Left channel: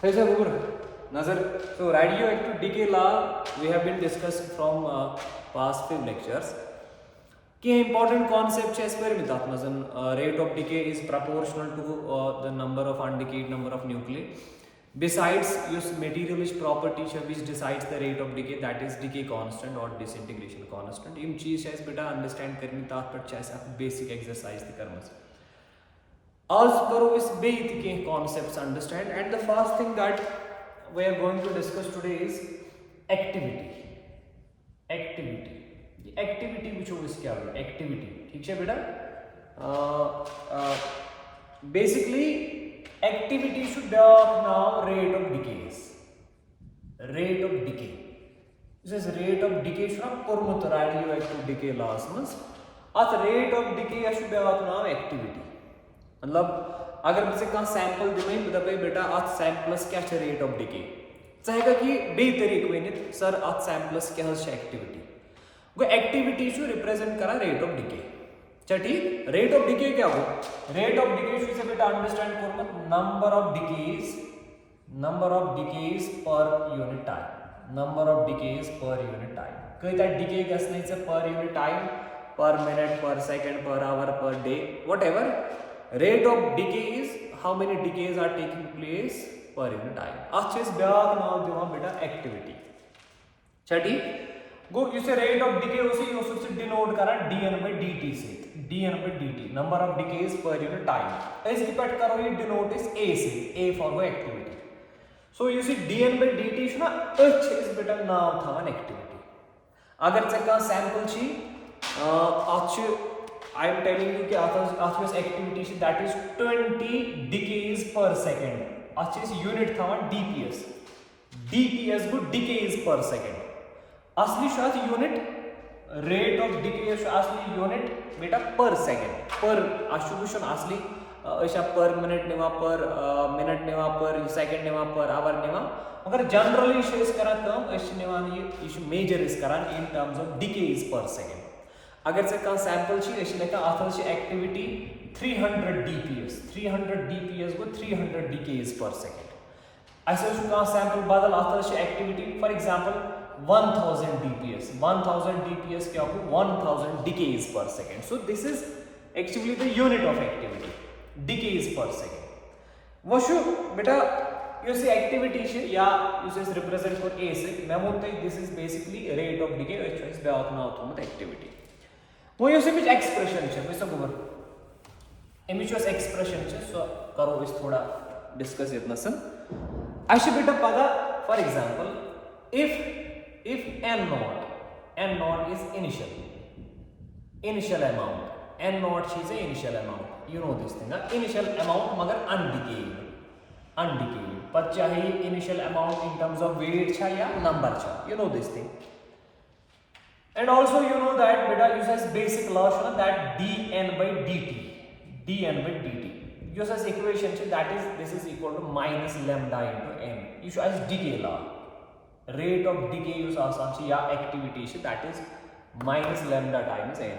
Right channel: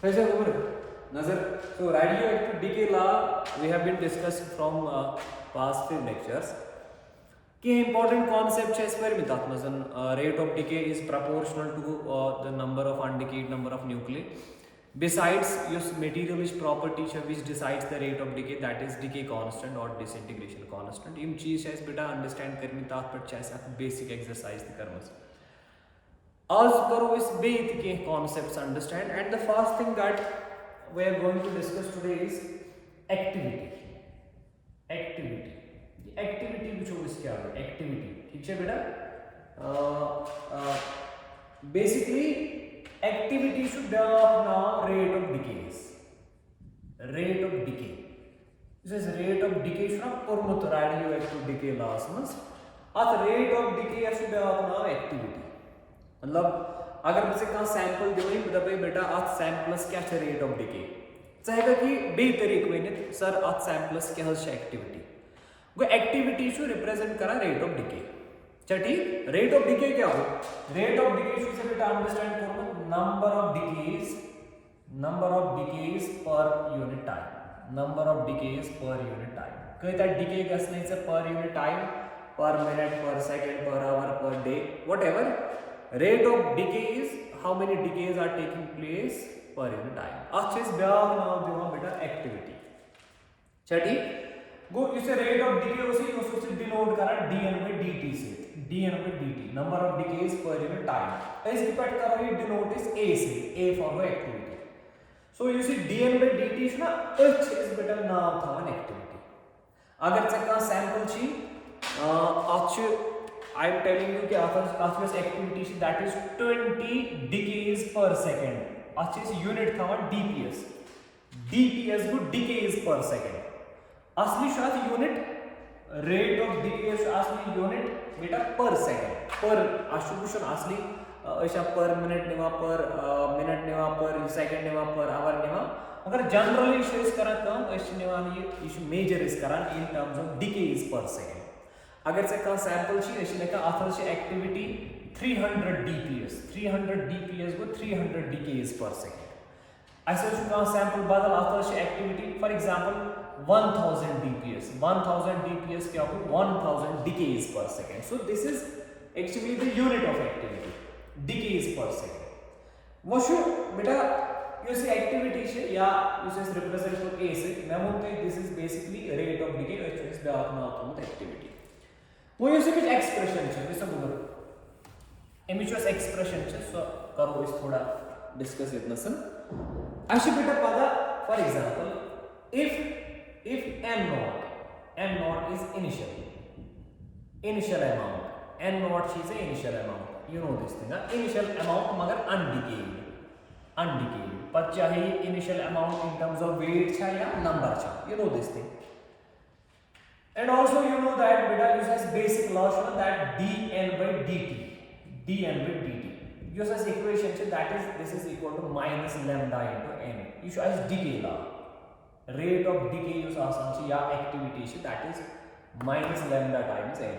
Hey, Nazar. So, radioactive decay law we have been discussed from past few lectures. Key important concept is where rate of decay is proportional to the number of undecayed number of nuclei. Besides, use materialist property which decides the rate of decay, that is decay constant or disintegration constant. Im cheese is beta understand karmi tat par chess basic exercise the karmas. As karo is basic concepts understand, and the first thing that we are going to discuss today is activity. Activity. The activity which is क्या होगा activity ठीक है बेटा basically activity should be now rate of decays. Rate of decay. This is rate of decay should pormut radioactive decay laws means at rate of decay should be now activity. मतलब अगर मुझे कहाँ sample दिमाई तो दबाई बेटा आज samples क्या च रेट ऑफ डिके चाहेगा कि बे तरीके वेनित सर आज सैंपलस क्या है एक्टिविटी वो एक्टिविटी शो रिप्रेजेंट करा रेट ऑफ डिके चटी रेट ऑफ डिके क्या हो रेट ऑफ डिके शो से बेटा अंडरस्टैंड करो number of decays per unit time number of decays per unit time कहता है डिके गसने से per unit time per minute, per second, per hour, per day, whatever. Rate of decay is how many decays are taking place per unit time. अच्छा इस ब्याह नाम दिवा बेटा activity. चटी गो इसे rate of decay उसे यूँ denote करा dn by dt से dn by dt number of decays per unit time. इस डिपेंड करो ये denote is a से a for the activity. So you see dn by dt ना h इस बेटा नाम था one activity. अगर चक्का sample ची I am telling you कि activity that is 20 decays per second. अच्छे unit था वहाँ DPS. DPS को decays per second. असली शायद unit rate of decay असली unit बेटा per second. Per अशुभूषण असली ऐसा per minute निवा per minute निवा per second निवा per hour निवा मगर generally इस करा कम ऐसे निवा ये इस major इस करा in terms of decays per second. अगर से कहाँ सैंपल ची ऐसी लेकर आथर से एक्टिविटी 300 dps को 300 decays per second ऐसे जो कहाँ सैंपल बदल आथर से एक्टिविटी फॉर एग्जांपल 1000 dps क्या हो 1000 decays per second. So this is actually the unit of activity decays per second. वो शो बेटा ये सी एक्टिविटी से या यूसेस रिप्रेजेंट फॉर ए से मैं बोलता हूँ this is basically rate of decay which is the automatic activity. वो ये सिर्फ एक्सप्रेशन है वैसा बोल एमिचुअस एक्सप्रेशन है सो करो इस थोड़ा डिस्कस इतना सन ऐसे बेटा पगा for example if n naught is initial amount n naught is a initial amount you know this thing initial amount मगर undecayed पर चाहे initial amount in terms of weight छा या number छा you know this thing. And also you know that beta uses basic law that dn by dt uses equation that is this is equal to minus lambda into n. You should as decay law rate of decay use आसान या activity that is minus lambda times n.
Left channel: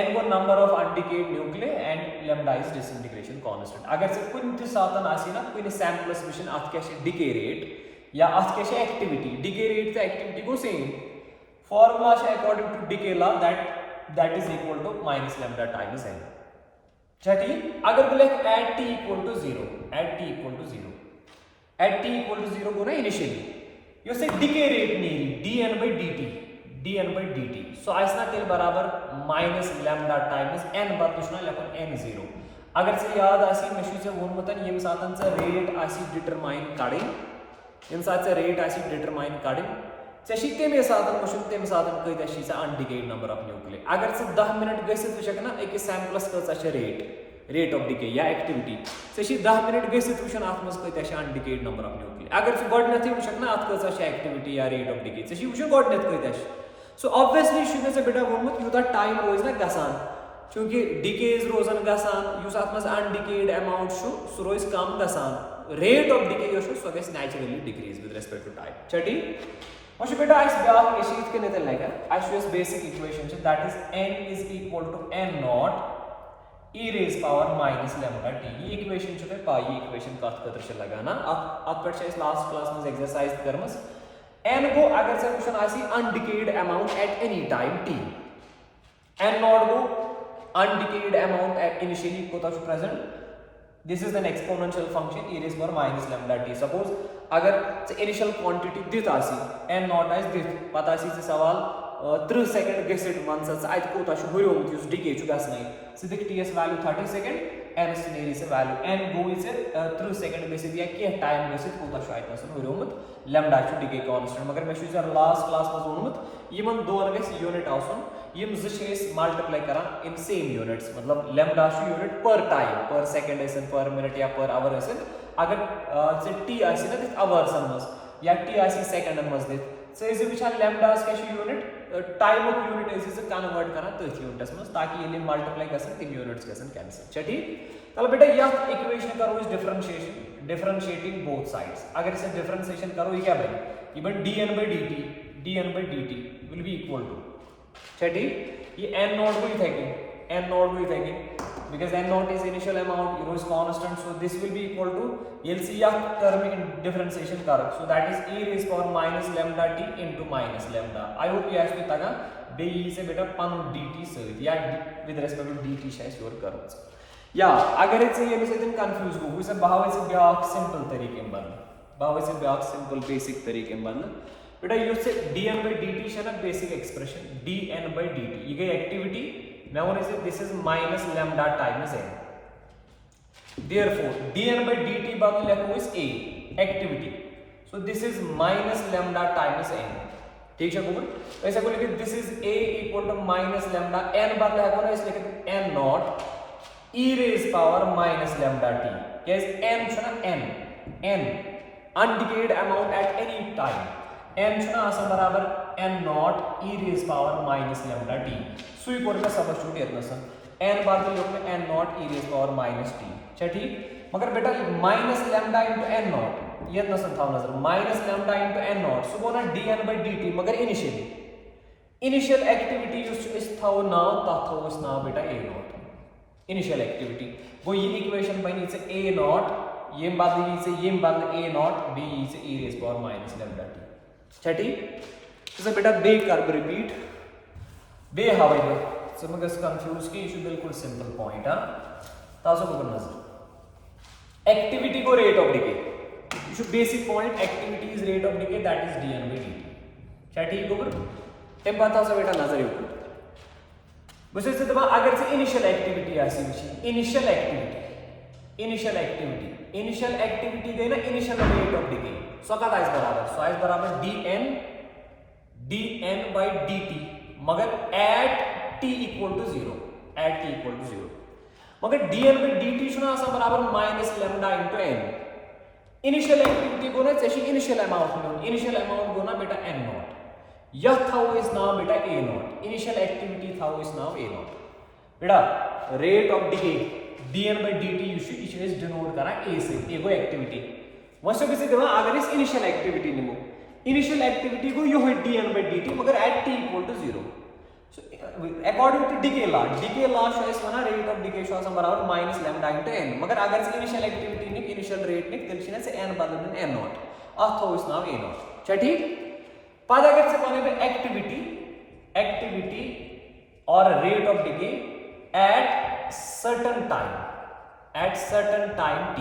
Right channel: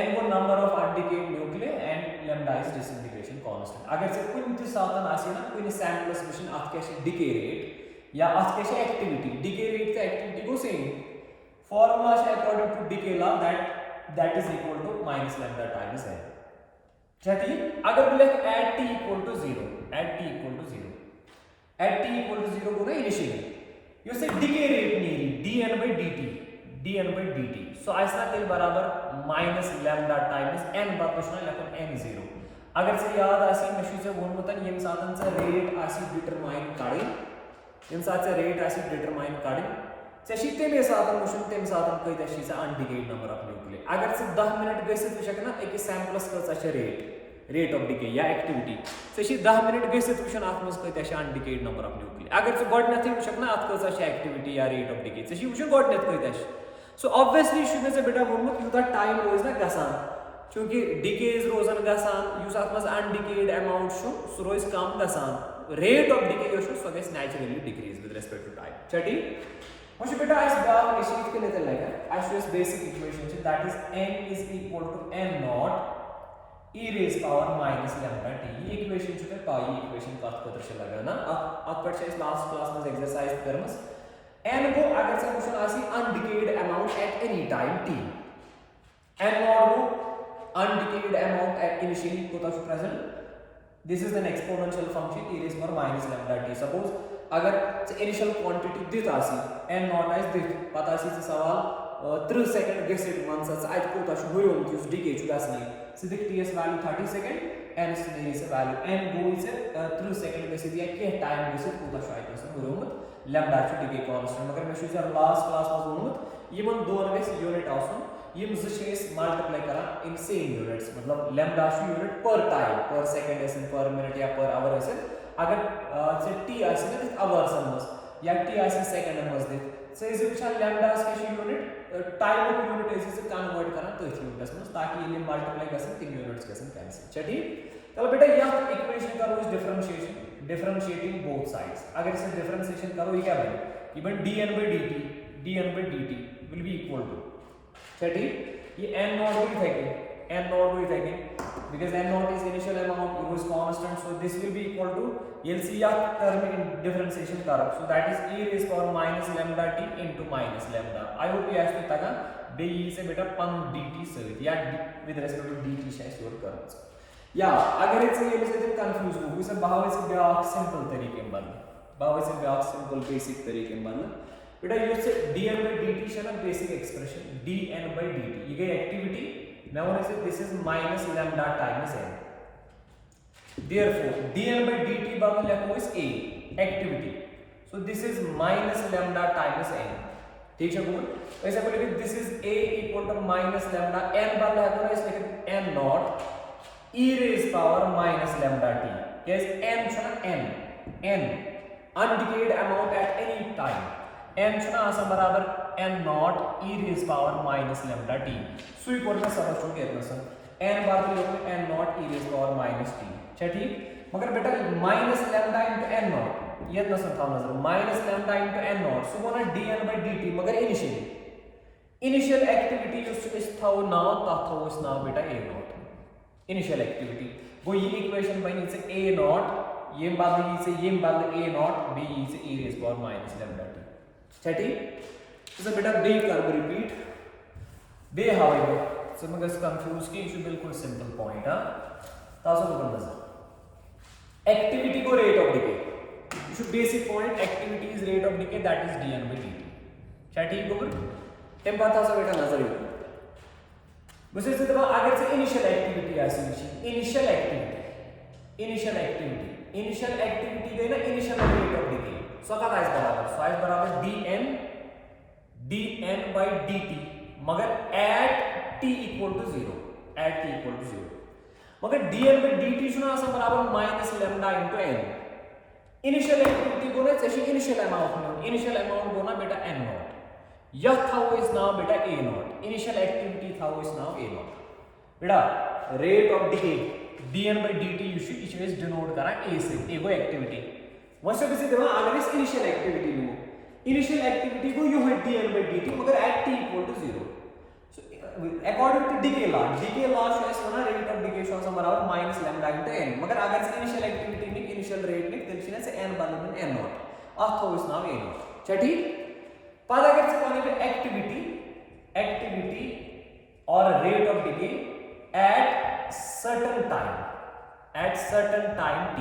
n वो number of undecayed nuclei and lambda is disintegration constant. अगर से कोई नित्य साधन आसी ना कोई sample solution आपके ऐसे decay rate या आपके ऐसे activity decay rate का activity को same formula according to decay law that is equal to minus lambda times n. चटी अगर बोले at t equal to 0 को ना initially you say decay rate नहीं dn by dt so ऐसा तेल बराबर minus lambda times n बार कुछ ना लेकिन n0 अगर से याद आसी मशीन से वो मतलब ये साधन से rate आसी determine काढ़े इन साथ से rate आसी determine काढ़े चशीते में साधन मशीन ते में साधन कोई दशी से undecayed number of nuclei अगर से 10 मिनट गैसित विषय ना एक सैंपल्स का सच rate of decay या activity चशी 10 मिनट गैसित विषय आत्मस कोई दशी undecayed number of nuclei अगर से गॉड नथी विषय ना आत्मस का सच activity या rate of decay चशी विषय गॉड नथ कोई दशी so obviously शुने से बेटा वोमुत युता टाइम रोज ना गसान क्योंकि decays रोजन गसान युस आत्मस undecayed amount शो सो रोज कम गसान rate of decay यो शो so gets naturally decrease with respect to time चटी मुझे बेटा इस ब्याह के शीट के निकल लेगा as basic equation that is n is equal to n naught e raised power minus lambda t. ये इक्वेशन छुटे पाई इक्वेशन कत खतर छ लगा ना अत पर छ लास्ट क्लास में एक्सरसाइज करमस n को अगर से क्वेश्चन आसी undecayed amount at any time t n naught गो अनडिकेड अमाउंट एट इनिशियली कोता छ present this is an exponential function e raised power minus lambda t. Suppose अगर इनिशियल क्वांटिटी दित आसी n नॉट आइस दित पता आसी सवाल 3 सेकंड गसित वन सच आइ कोता छ हुयोमुत युस डिके छु गसनै सिदिक ts वैल्यू 30 सेकंड n नेरी से वैल्यू n गो इज 3 सेकंड गसित या के टाइम गसित कोता छ आइ पसन हुयोमुत लैम्डा छु डिके कांस्टेंट मगर मे छु जर लास्ट क्लास में वोनमुत यमन दोन गस यूनिट आसन यम ज छ मल्टीप्लाई करन इन सेम यूनिट्स मतलब लैम्डा छु यूनिट पर टाइम पर सेकंड एसन पर मिनट या पर आवर एसन अगर से t आसी न दिस आवर्स मस या t आसी सेकंड मस दिस सो इज विचार लैम्डास के unit time of unit is convert करना तो यूनिट्स में ताकि ये मल्टीप्लाई गसन तीन यूनिट्स गसन कैंसिल छ ठीक तब बेटा यह इक्वेशन करो इस डिफरेंशिएटिंग बोथ साइड्स अगर इसे डिफरेंशिएशन करो ये क्या बने ये बन dn/dt will be equal to छ ठीक ये n नॉट को इथेकिन because n naught is initial amount rho is constant so this will be equal to you'll see your term in differentiation kar so that is e raised power minus lambda t into minus lambda. I hope you actually taga be से बेटा पन dt सहित या with respect to dt शायद your करस या अगर इसे ये से तुम कंफ्यूज हो उसे भाव से ब्याक सिंपल तरीके में बन भाव से ब्याक सिंपल बेसिक तरीके में बन बेटा ये से dn/dt है ना बेसिक एक्सप्रेशन dn/dt ये गई activity now this is minus lambda times n therefore dn/dt बदल लिखो इस a activity so this is minus lambda times n ठीक है गुड ऐसा को लिखिए this is a equal to minus lambda n बदल लिखो ना इस लिखिए n naught e raised power minus lambda t yes n छना n undecayed amount at any time n छना आसा बराबर n naught e raised power minus lambda t सुई कोर का सब छूट गया नसन n बाद में लोग में n naught e raised power minus t अच्छा ठीक मगर बेटा minus lambda into n naught ये नसन था नजर minus lambda into n naught सो वो ना dn/dt मगर इनिशियल एक्टिविटी इस था नाउ ता था उस नाउ बेटा a naught इनिशियल एक्टिविटी वो ये इक्वेशन बनी से a naught ये बदल a naught b से e raised power minus lambda t अच्छा ठीक इसे बेटा बे कर रिपीट बे हवाई सो मगर कंफ्यूज की इशू बिल्कुल सिंपल पॉइंट हां तासो को नजर एक्टिविटी को rate of decay issue basic point activity is rate of decay that is dn/dt अच्छा ठीक हो टेम बात तासो बेटा नजर यो मुझे से दबा अगर से इनिशियल एक्टिविटी आसी विच इनिशियल एक्टिविटी गई ना इनिशियल रेट ऑफ डिके सो का इज बराबर dn/dt मगर at t equal to 0 मगर dn/dt सुना आसा बराबर minus lambda into n initial activity को ना जैसे इनिशियल अमाउंट को ना बेटा n naught यह था वो इस नाउ बेटा a naught इनिशियल एक्टिविटी था वो इस नाउ a naught बेटा rate of decay dn/dt issue is denote करा a से a को एक्टिविटी वैसे भी से अगर इस इनिशियल एक्टिविटी निमो इनिशियल एक्टिविटी को यो है dn/dt मगर at t equal to 0 so according to decay law is one rate of decay show आसा बराबर minus lambda into n मगर अगर से इनिशियल एक्टिविटी ने इनिशियल रेट ने तेलशिना से n बदल में n naught अथवा इस नाम a naught अच्छा ठीक पद अगर से कोने पे एक्टिविटी और rate of decay at certain time t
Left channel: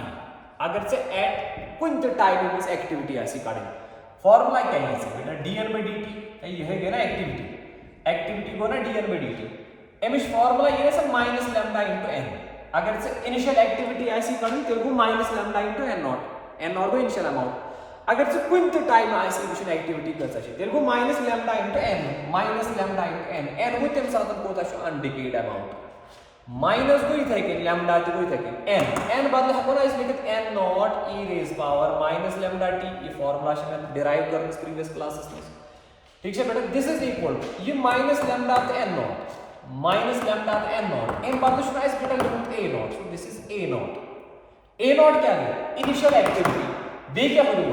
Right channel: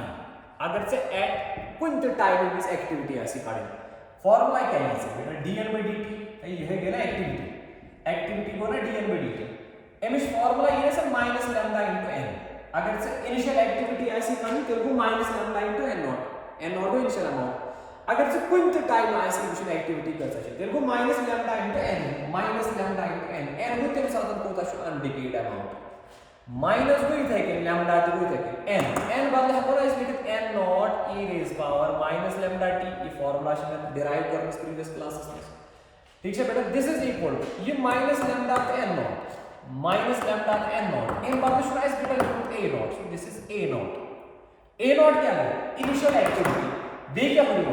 अगर से at कुंत टाइम इस एक्टिविटी आसी काढे फॉर्मूला क्या है इसका बेटा dn/dt ये है ना एक्टिविटी को ना dn/dt एमिश फॉर्मूला ये है minus lambda into n अगर से इनिशियल एक्टिविटी ऐसी काढी तो को minus lambda into n naught को इनिशियल अमाउंट अगर से कुंत टाइम ऐसी इनिशियल एक्टिविटी करता है तेरे को minus lambda into n n को तेरे साथ कोता है अनडिकेड अमाउंट माइनस को इथे के लैम्डा तो को इथे के n बदले है ना इसलिए n naught e raised power minus lambda t ये फार्मूला से मैं डिराइव कर इस प्रीवियस क्लासेस में ठीक है बेटा दिस इज इक्वल टू ये माइनस लैम्डा तो n naught n बदले शुरू इस बेटा a naught so this is a naught क्या है इनिशियल एक्टिविटी बे क्या हुई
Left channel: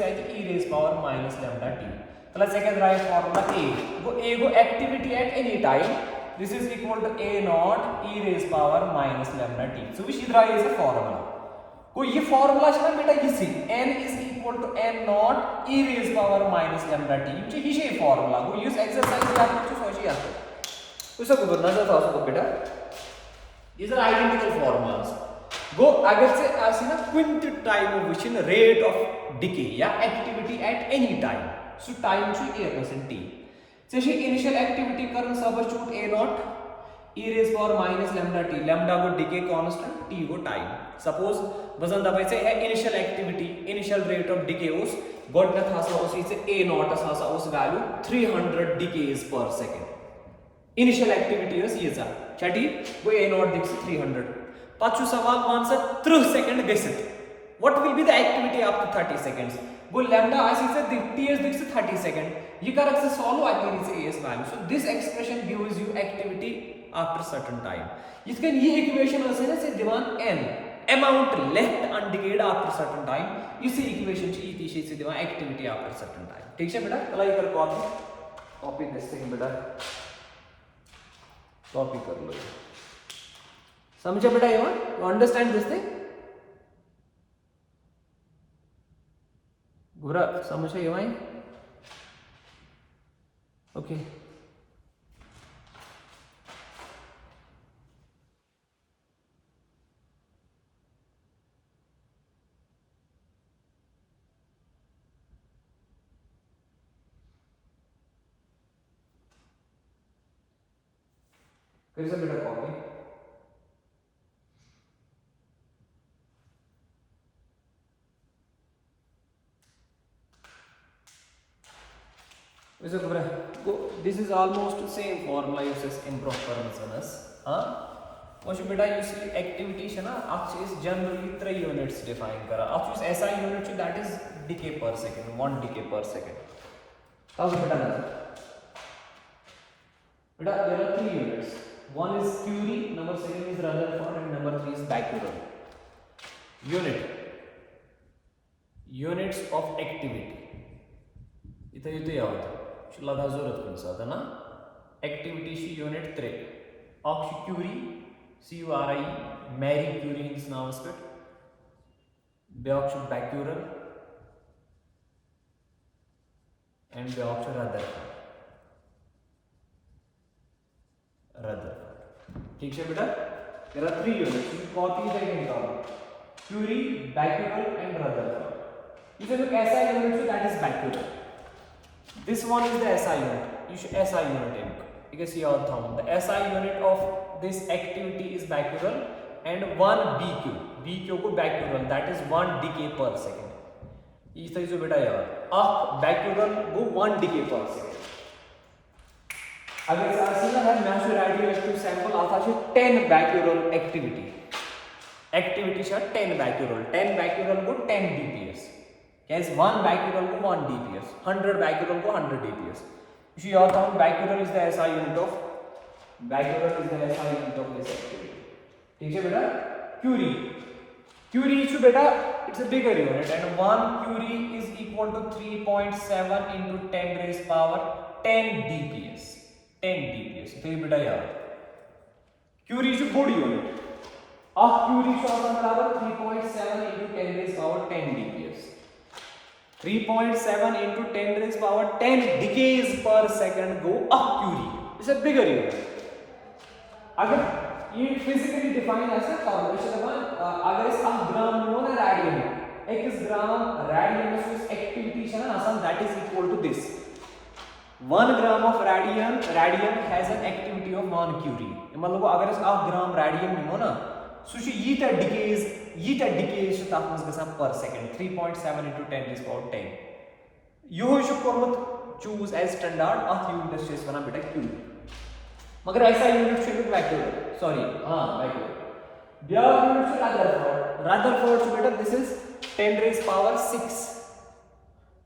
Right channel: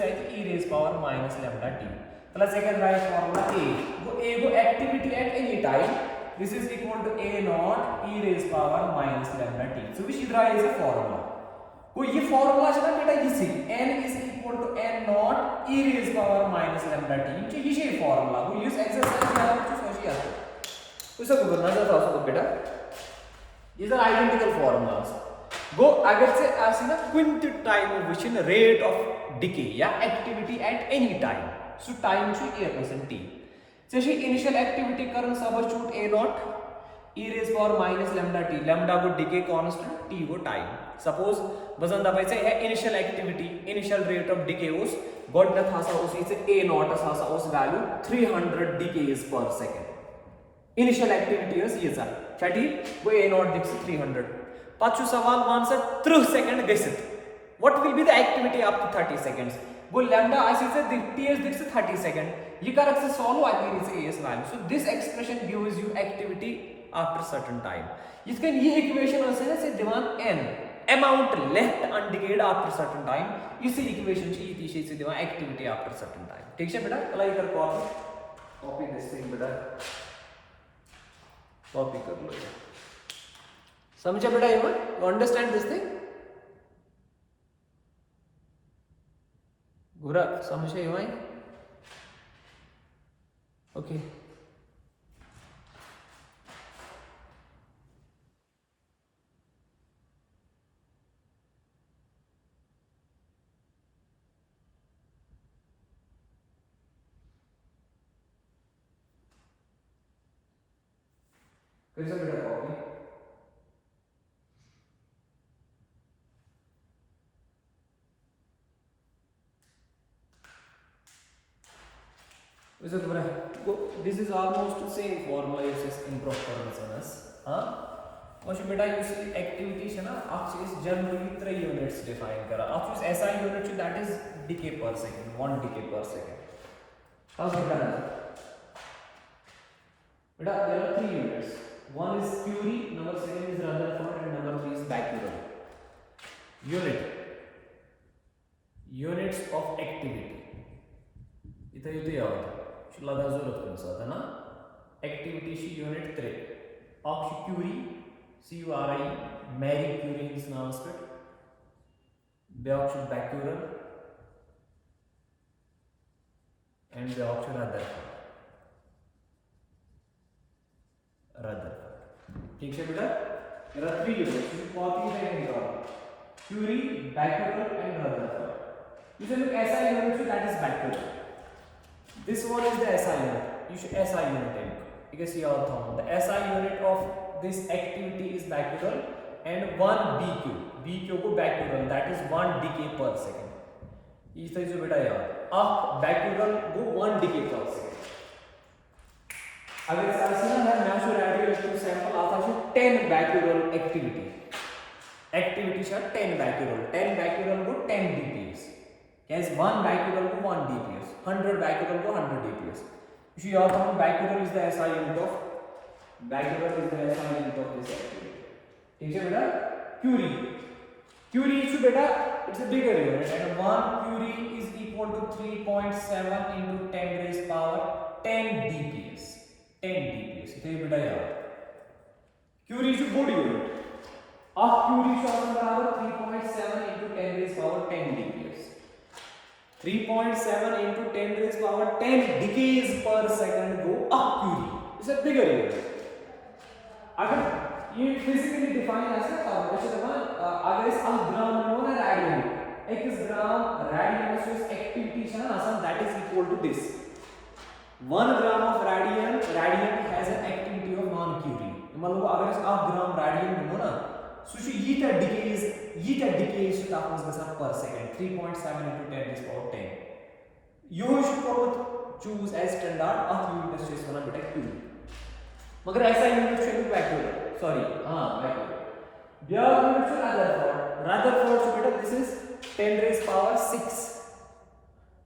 है कि e raised power minus lambda t plus second right formula a को activity eight any time This is equal to a naught e raised power minus lambda t. So which idra is a formula. को ये formula है ना बेटा इसी n is equal to n naught e raised power minus lambda t. ये ही formula. वो use exercise क्या कुछ सोचिए आपको. उसे को नजर था उसको बेटा. These are identical formulas. Go अगर से ऐसी ना quint time which rate of decay या activity at any time. So time should a percent t. So she initial activity Karan substitute a naught e raised power minus lambda t. Lambda को decay constant, t को time. Suppose वजन दबायचं है initial activity, initial rate of decay उस गोडनथ हसा उस इसे a naught हसा उस value 300 decays per second. Initial activity is ये सा छठी वो a naught दिक्स 300. पांचू सवाल वन से 30 second गसित. What will be the activity up to 30 seconds? वो lambda ऐसे से ts दिक्स 30 सेकंड. ये करक से solve आती है इसे as value. So this expression gives you activity after certain time. इसका ये equation ऐसे ना से दिवान n amount left undecayed after certain time. इसी equation से ये तीसरी से दिवान activity after certain time. ठीक है बेटा? अलाइ कर copy this thing बेटा. Copy कर लो. समझे बेटा ये बात? You understand this thing? बुरा समझे ये बात? Okay. फिर से बेटा copy. This is almost the same formula uses improper resonance. और बेटा you see activity है ना आप चीज generally 3 units define करा. आप चीज ऐसा unit है that is decay per second, 1 decay per second. ताऊ बेटा there are 3 units. One is Curie, number 2 is Rutherford, and number 3 is Becquerel. Units of activity. इधर ये तो याद है. लगा जरूरत कौन सा था ना? Activity she unit 3. Oxy Curie, CURI, Marie Curie in this noun split. Beoxy Becquerel, and Beoxy Rutherford. ठीक है बेटा. There are 3 units. You copy them in the Curie, Becquerel, and Rutherford. If you look SI unit, that is Becquerel. This one is the SI unit. You should SI unit in. You can see our thumb. The SI unit of this activity is Becquerel, and 1 BQ. BQ को Becquerel, that is 1 decay per second. इस तरह से बेटा यार. Becquerel वो 1 decay per second. अगर ऐसा ना मैं से रेडियोएक्टिव सैंपल आता है 10 Becquerel एक्टिविटी है 10 Becquerel को 10 dps. कैसे 1 Becquerel को 1 dps, 100 Becquerel को 100 dps. You see your thumb, Becquerel is the SI unit of this activity. ठीक है बेटा. Curie is बेटा it's a bigger unit and 1 Curie is equal to 3.7 into 10 raised power 10 dps. 10 dps. तो ये बेटा यार Curie is a good unit. Curie is बराबर 3.7 into 10 raised power 10 dps. 3.7 into 10 raised power 10 decays per second go up Curie. It's a bigger unit. अगर ये physically define ऐसे अगर इस ग्राम में ना रेडियम, एक ग्राम रेडियम में इस एक्टिविटी है ना आसान that is equal to this. 1 gram of radium has an activity of 1 Curie. मतलब अगर इस 1 gram radium निमो ना, so ये decays तापमान गसा per second 3.7 into 10 raised power 10. यो इशू कोर्मत choose as standard unit stress बना बेटा Curie. मगर ऐसा unit से Becquerel, sorry Becquerel. Their unit से Rutherford से बेटा this is 10 raised power 6.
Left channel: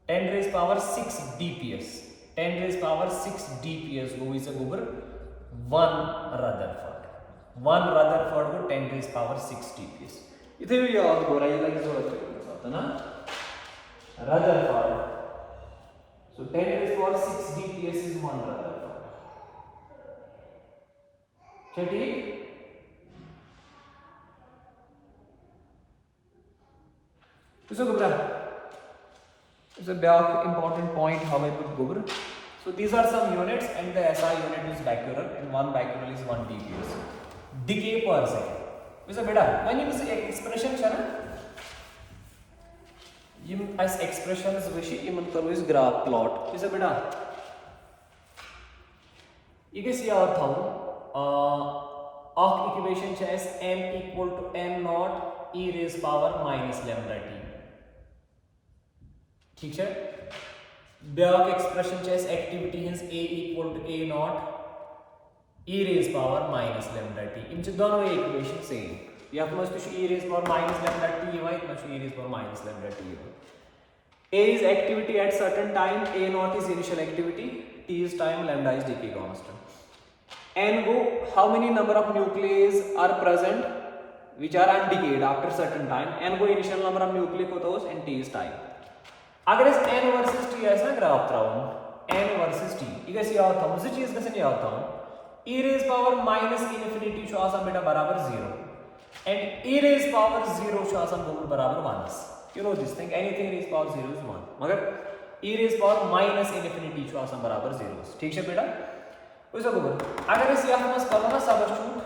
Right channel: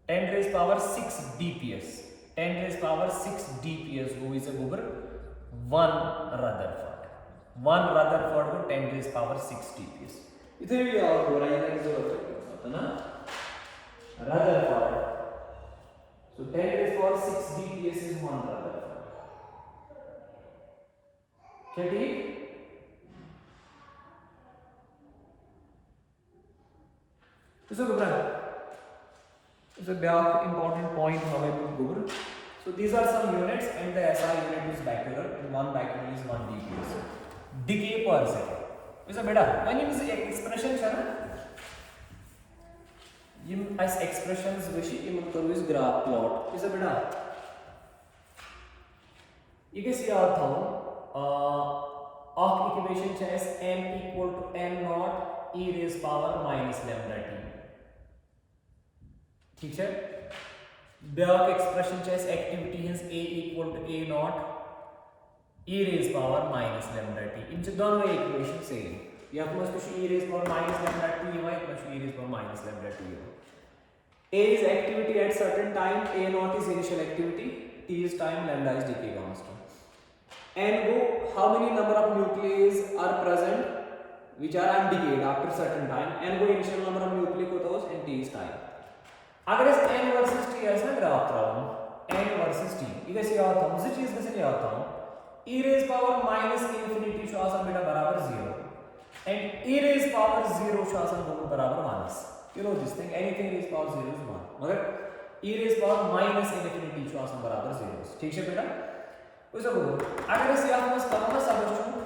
10 raised power 6 dps. 10 raised power 6 dps go is a over 1 Rutherford. 1 Rutherford को 10 raised power 6 dps. इधर भी याद हो रहा है ये जरूरत है ना Rutherford. So 10 raised power 6 dps is 1 Rutherford. क्या ठीक so a big important point how we go. So these are some units and the SI unit is becquerel and one becquerel is 1 dps. Decay per second. So beta when you use expression chana yim as expressions wishi iman karu is graph plot. So beta you can see our thumb equation chess m equal to m naught e raised power minus lambda t. ठीक है ब्याक expression चेस activity hence a equal to a naught e raise power minus lambda t इन दोनों equation same या मस तो e raise power minus lambda t y मस e raise power minus lambda t a is activity at certain time, a naught is initial activity, t is time, lambda is decay constant. And go how many number of nuclei are present which are undecayed after certain time, and go initial number of nuclei को तो and t is time. अगर इस n versus t ऐसा graph त्राऊं n versus t ये कैसे याद था मुझे चीज कैसे याद था e raise power minus infinity शो आसान बेटा बराबर 0 and e रेज पावर 0 शो आसान बराबर minus you know this thing anything raised power 0 is 1 मगर e raised power minus infinity show आसान बराबर 0 ठीक है बेटा उसे बोलो अगर इस यहाँ में करो ना substitute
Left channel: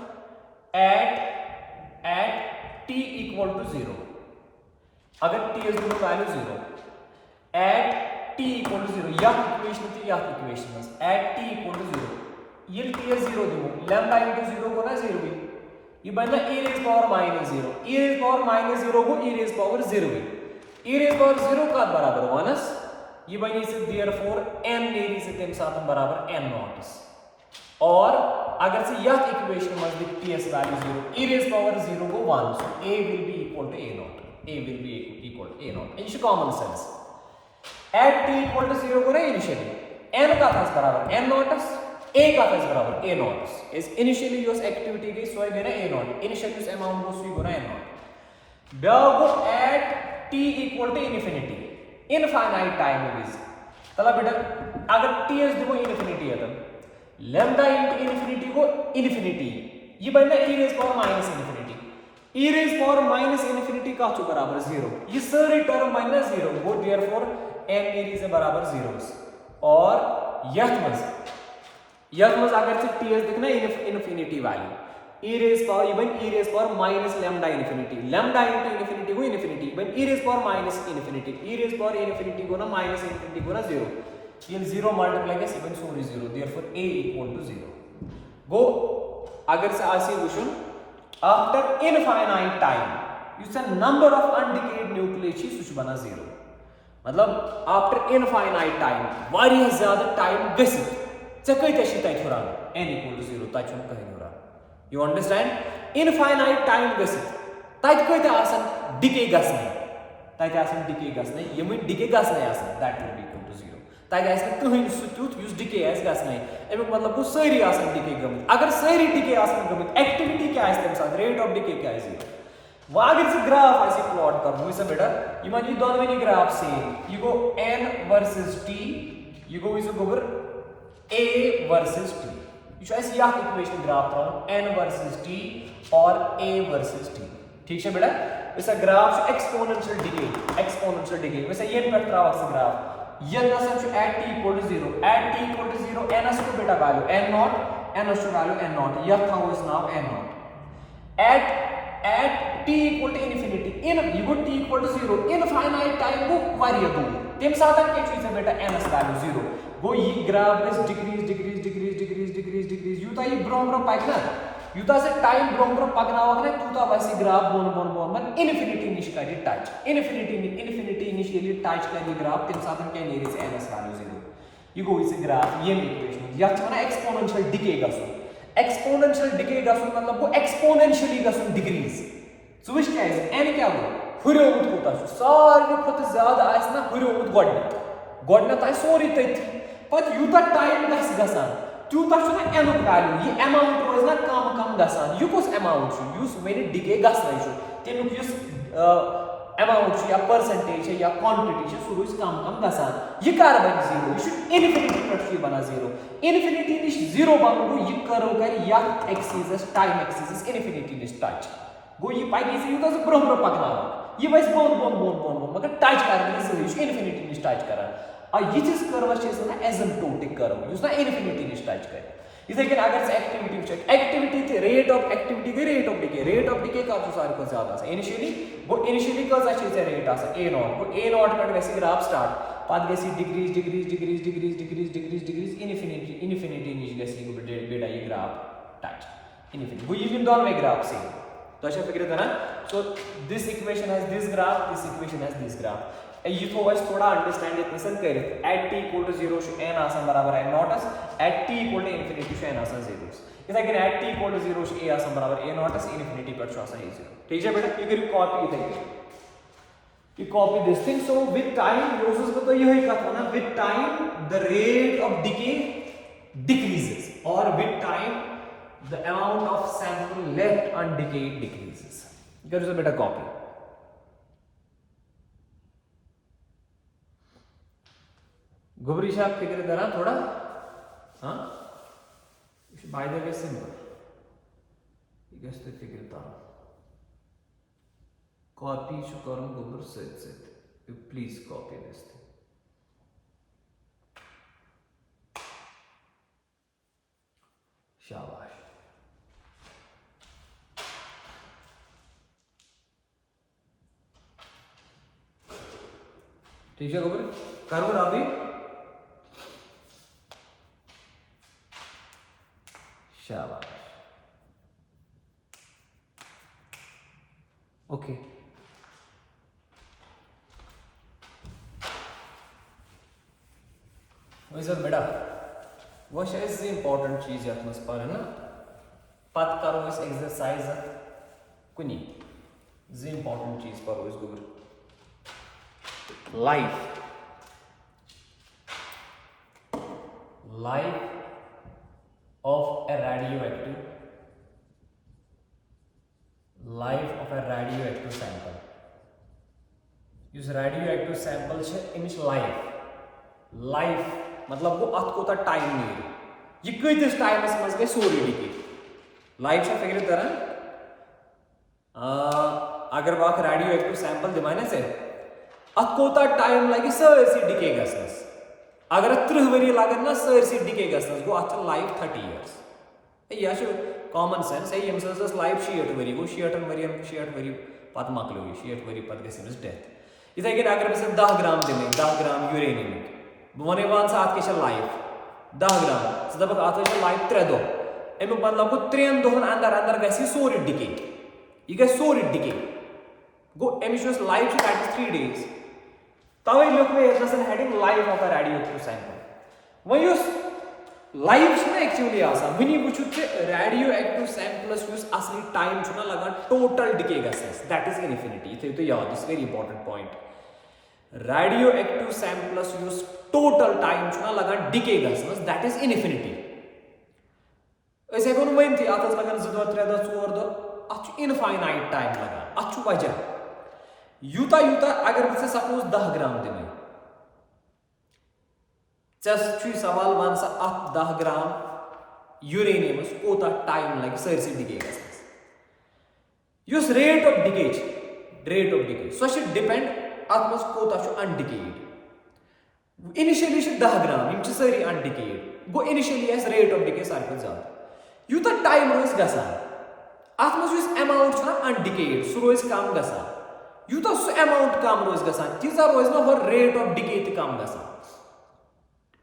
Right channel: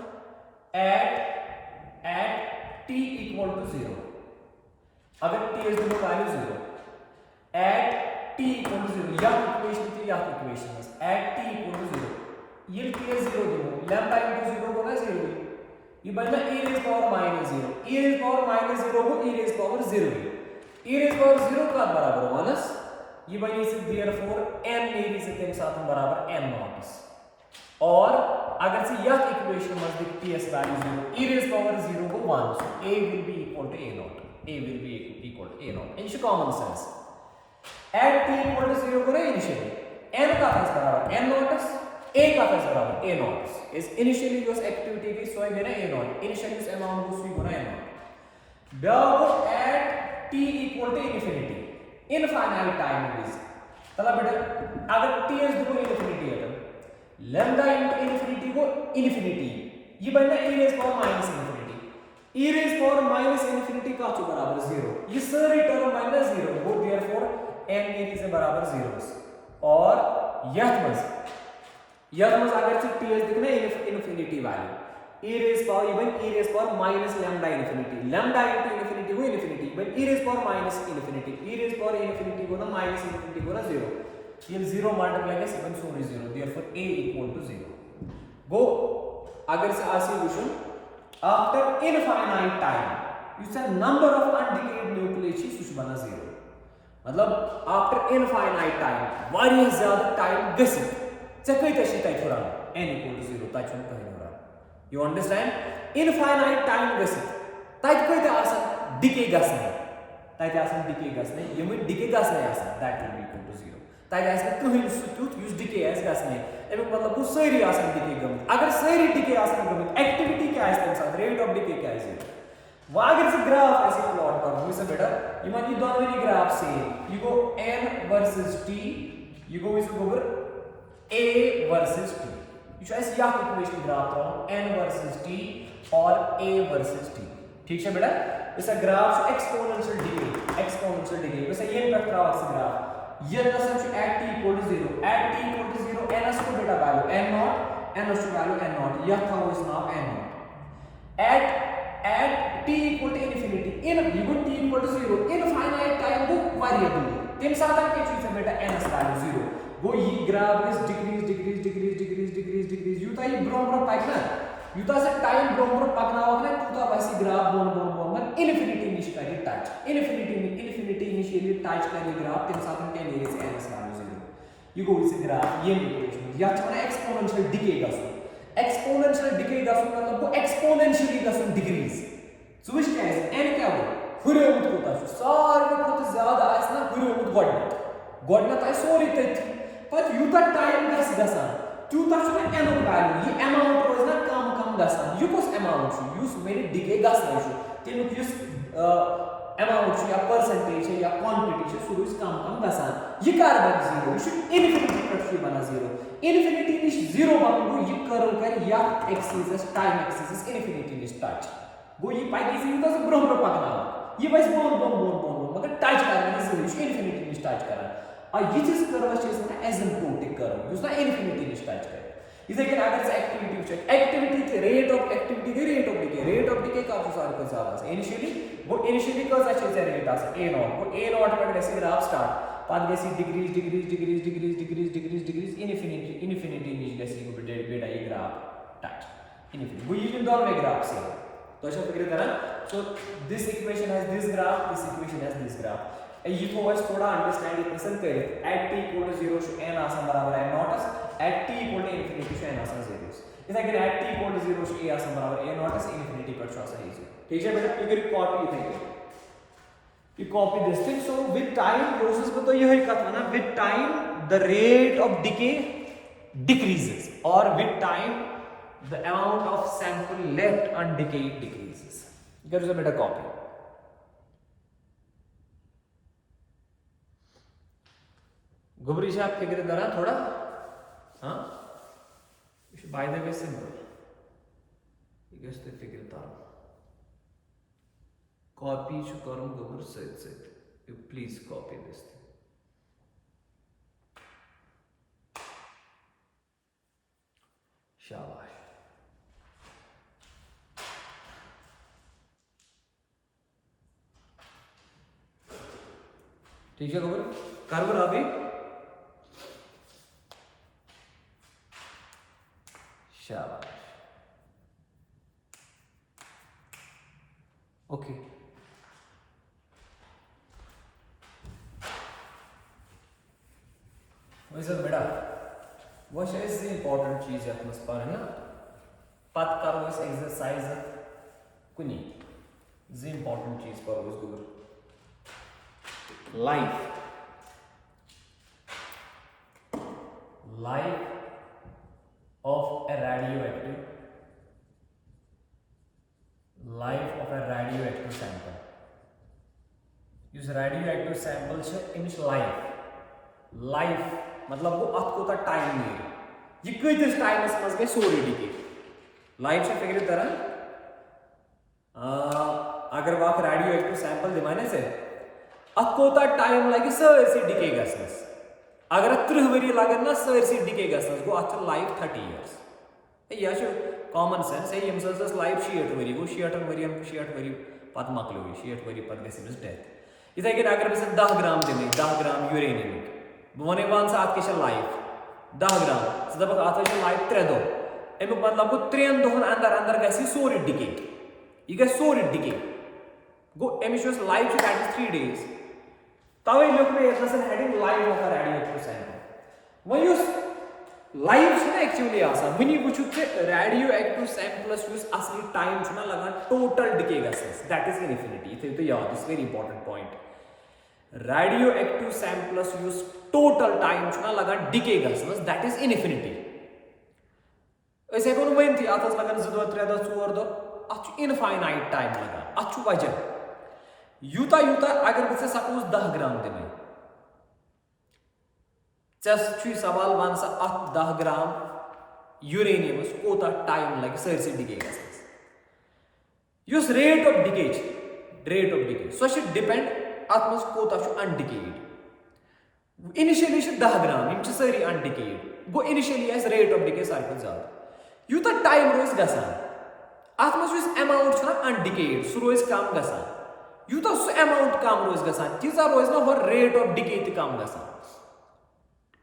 at t equal to 0 अगर t is the value 0 at t equal to 0 या इक्वेशन थी या equation at t equal to 0 ये t is 0 दो lambda into 0 को ना 0 ही ये बनना e raised power minus 0 e raised power minus 0 को e raised power 0 ही e raised power 0 का बराबर माइनस ये बनी से therefore m लेरी से तेम साथ बराबर m naught और अगर से यह equation must be t s value 0 e raised power 0 को 1 so a will be equal to a naught a will be equal to a naught in common sense at t equal to 0 को ना initially n का था बराबर n naught a का था बराबर a naught is initially use activity की सो है ना a naught initially use amount को सो है ना a naught जब at t equal to infinity infinite time is तला बेटा अगर t is दो infinity है तब lambda into infinity को infinity ये बनना e raised power minus infinity e raised power minus infinity का तो बराबर 0 ये सारी टर्म माइनस 0 वो therefore m एरी से बराबर 0 और यह मस अगर से t दिखना infinity value e raise power ये बन e raise power minus lambda infinity lambda into infinity को इनफिनिटी बन e raise power minus infinity e raise power infinity को ना माइनस इनफिनिटी को ना 0 ये 0 मल्टीप्लाई के 7 sorry 0 therefore a equal to 0 गो अगर से आसी question after infinite time you say number of undecayed nucleus such बना 0 मतलब आफ्टर इनफाइनाइट टाइम वारिया ज्यादा टाइम गसित से कई तशी तय थोड़ा n इक्वल टू 0 तय छन कहीं हो रहा यू अंडरस्टैंड इनफाइनाइट टाइम गसित तय कोई ते आसन डिके गसने तय आसन डिके गसने यम डिके गसने आसन that will be equal to 0 तय आसन कहीं सुट्यूट यूज डिके एस गसने एम मतलब को सारी आसन डिके गम अगर सारी डिके आसन गम एक्टिविटी क्या है तम रेट ऑफ डिके क्या है वागर से ग्राफ ऐसे प्लॉट कर हुई से बेटा you might you don't any graph say you go n versus t you go is over a versus t you should ऐसे यह इक्वेशन ग्राफ रहा n versus t और a versus t ठीक है बेटा वैसा ग्राफ एक्सपोनेंशियल डिके वैसे ये पर रहा है ग्राफ ये नसन जो at t equal to 0 n as को बेटा value n naught n as to value n naught यह था वो इस नाम n naught at t equal to infinity in you go t equal to 0 infinite time को variable तेम साधन के चीज है बेटा n as value 0 वो ये ग्राफ इज डिक्रीज युता ये ब्रोम पाइक ना युता से टाइम ब्रोम पकना होगा ना तुता वैसे ग्राफ बोन मन इनफिनिटी निश का टच इनफिनिटी इनिशियली टच का ग्राफ तेम साधन के लिए से n as value 0 you go इस ग्राफ ये इक्वेशन या चना एक्सपोनेंशियल डिके गसो एक्सपोनेंशियल डिके गसो मतलब वो एक्सपोनेंशियली गसो डिक्रीज सो विच क्या है n क्या हो हुरोमत कोता सारे खत ज्यादा आइस ना हुरोमत गडना ताई सोरी तथि पत युता टाइम गस गसान तुता छना n वैल्यू ये अमाउंट रोज ना कम गसान यु कोस अमाउंट छु युस वेरी डिके गसना छु तेनु युस अमाउंट या परसेंटेज या क्वांटिटी सह कम कम गसान यह कर बन जीरो यह इनफिनिटी पे बना जीरो इनफिनिटी निश जीरो बन गो यह कर्व कर या एक्सिस टाइम एक्सिस इनफिनिटी निश टच गो यह पकि यूत ब्रो ब्रो पकना यह वैस बोन बोन बोन बोन बोन मगर टच कर इनफिनिटी निश टच कर यिस कर्वस वन एसिम्प्टोटिक कर्व ना इनफिनिटी निश टच कर इथे कन अगर एक्टिविटी वुच एक्टिविटी रेट ऑफ एक्टिविटी गई रेट ऑफ डिके कब सारे ज्यादा इनिशियली गो इनिशियली कजा रेट ए नॉट गो ए नॉट पे गि ग्राफ स्टार्ट पत गि degrees degrees degrees degrees degrees degrees degrees infinity infinity निश गि यह ग्राफ टच इनफिनिटी गो यह दोनों ग्राफ सेम तो फिक्र तरह so this equation has this equation has this graph यह थो थोड़ा अंडरस्टैंड ये कर at t equal to 0 N आसान बराबर N naught at t equal to infinity N आसान 0 इथे कन at t equal to 0 A आसान बराबर ए नॉटस इनफिनिटी पे आसान 0 ठीक है बेटा यह कॉपी इथे you copy this thing so with time process में तो यही कहा ना with time the rate of decay decreases or with time the amount of sample left undecayed decreases there is a better copy गुबरी साहब फिक्र करा थोड़ा हाँ by the way simple you guys to figure it out copy should करूँ गुबर सच you please copy this thing शाबाश ठीक है गुबर करूँ अभी शाबाश ओके वैसे बेटा वो शायद इंपॉर्टेंट चीज है अपने पर है ना पत करो इस एक्सरसाइज कुनी इंपॉर्टेंट चीज पर इस गुर life of a radioactive sample radioactive sample life मतलब वो अत कोता टाइम नहीं यह कतिस टाइमस मज गई सोरी डिके लाइफ से फिक्र तरह अगर वह रेडियो एक्टिव सैंपल दिमाने से अत कोता टाइम लगे सरसी डिके गसनस अगर 30 वरी लगन ना सरसी डिके गसनस गो अत लाइफ 30 इयर्स यह कॉमन सेंस है यम सस लाइफ 60 वरी गो 60 वरी पत मकलो 60 वरी पत गसिस डेथ इथे कन अगर बस 10 ग्राम दिन 10 ग्राम यूरेनियम वन वन सा अत लाइफ 10 ग्राम दपक अत लाइफ 3 दो अमुक मतलब गो 3 दोहन अंदर अंदर गसी सोरी डिके यह गई सोरी डिके गो अमिश लाइफ दैट इज 3 days तवे लोग में ये हेडिंग life of a radioactive sample वही उस लाइफ ना एक्चुअली आसा वनी वुचु के रेडियोएक्टिव सैंपल्स युस असली टाइम छना लगा टोटल डिके गसस दैट इज इनफिनिटी इथे तो याद is very important point radioactive samples युस टोटल टाइम छना लगा डिके गसस दैट इज इनफिनिटी ऐसे कोन वइन थी आतस लगन 2 3 4 दो अच इनफाइनाइट टाइम लगा अच वजह यूता यूता अगर बस सपोज 10 ग्राम दिन सवाल वन सा 10 ग्राम यूरेनियम कोता टाइम लगे सरसी डिके गसस rate of decay so depend अत मज कोता अनडिकेड इनिशियली 10 ग्राम यम सारी अनडिकेड गो इनिशियली रेट ऑफ डिके सारे ज्यादा यूता टाइम रोज गसान अत मज अमाउंट अनडिकेड सह रोज कम गसान यूता सह अमाउंट कम रोज गसान तीजा रोज ना रेट ऑफ डिके त कम गसान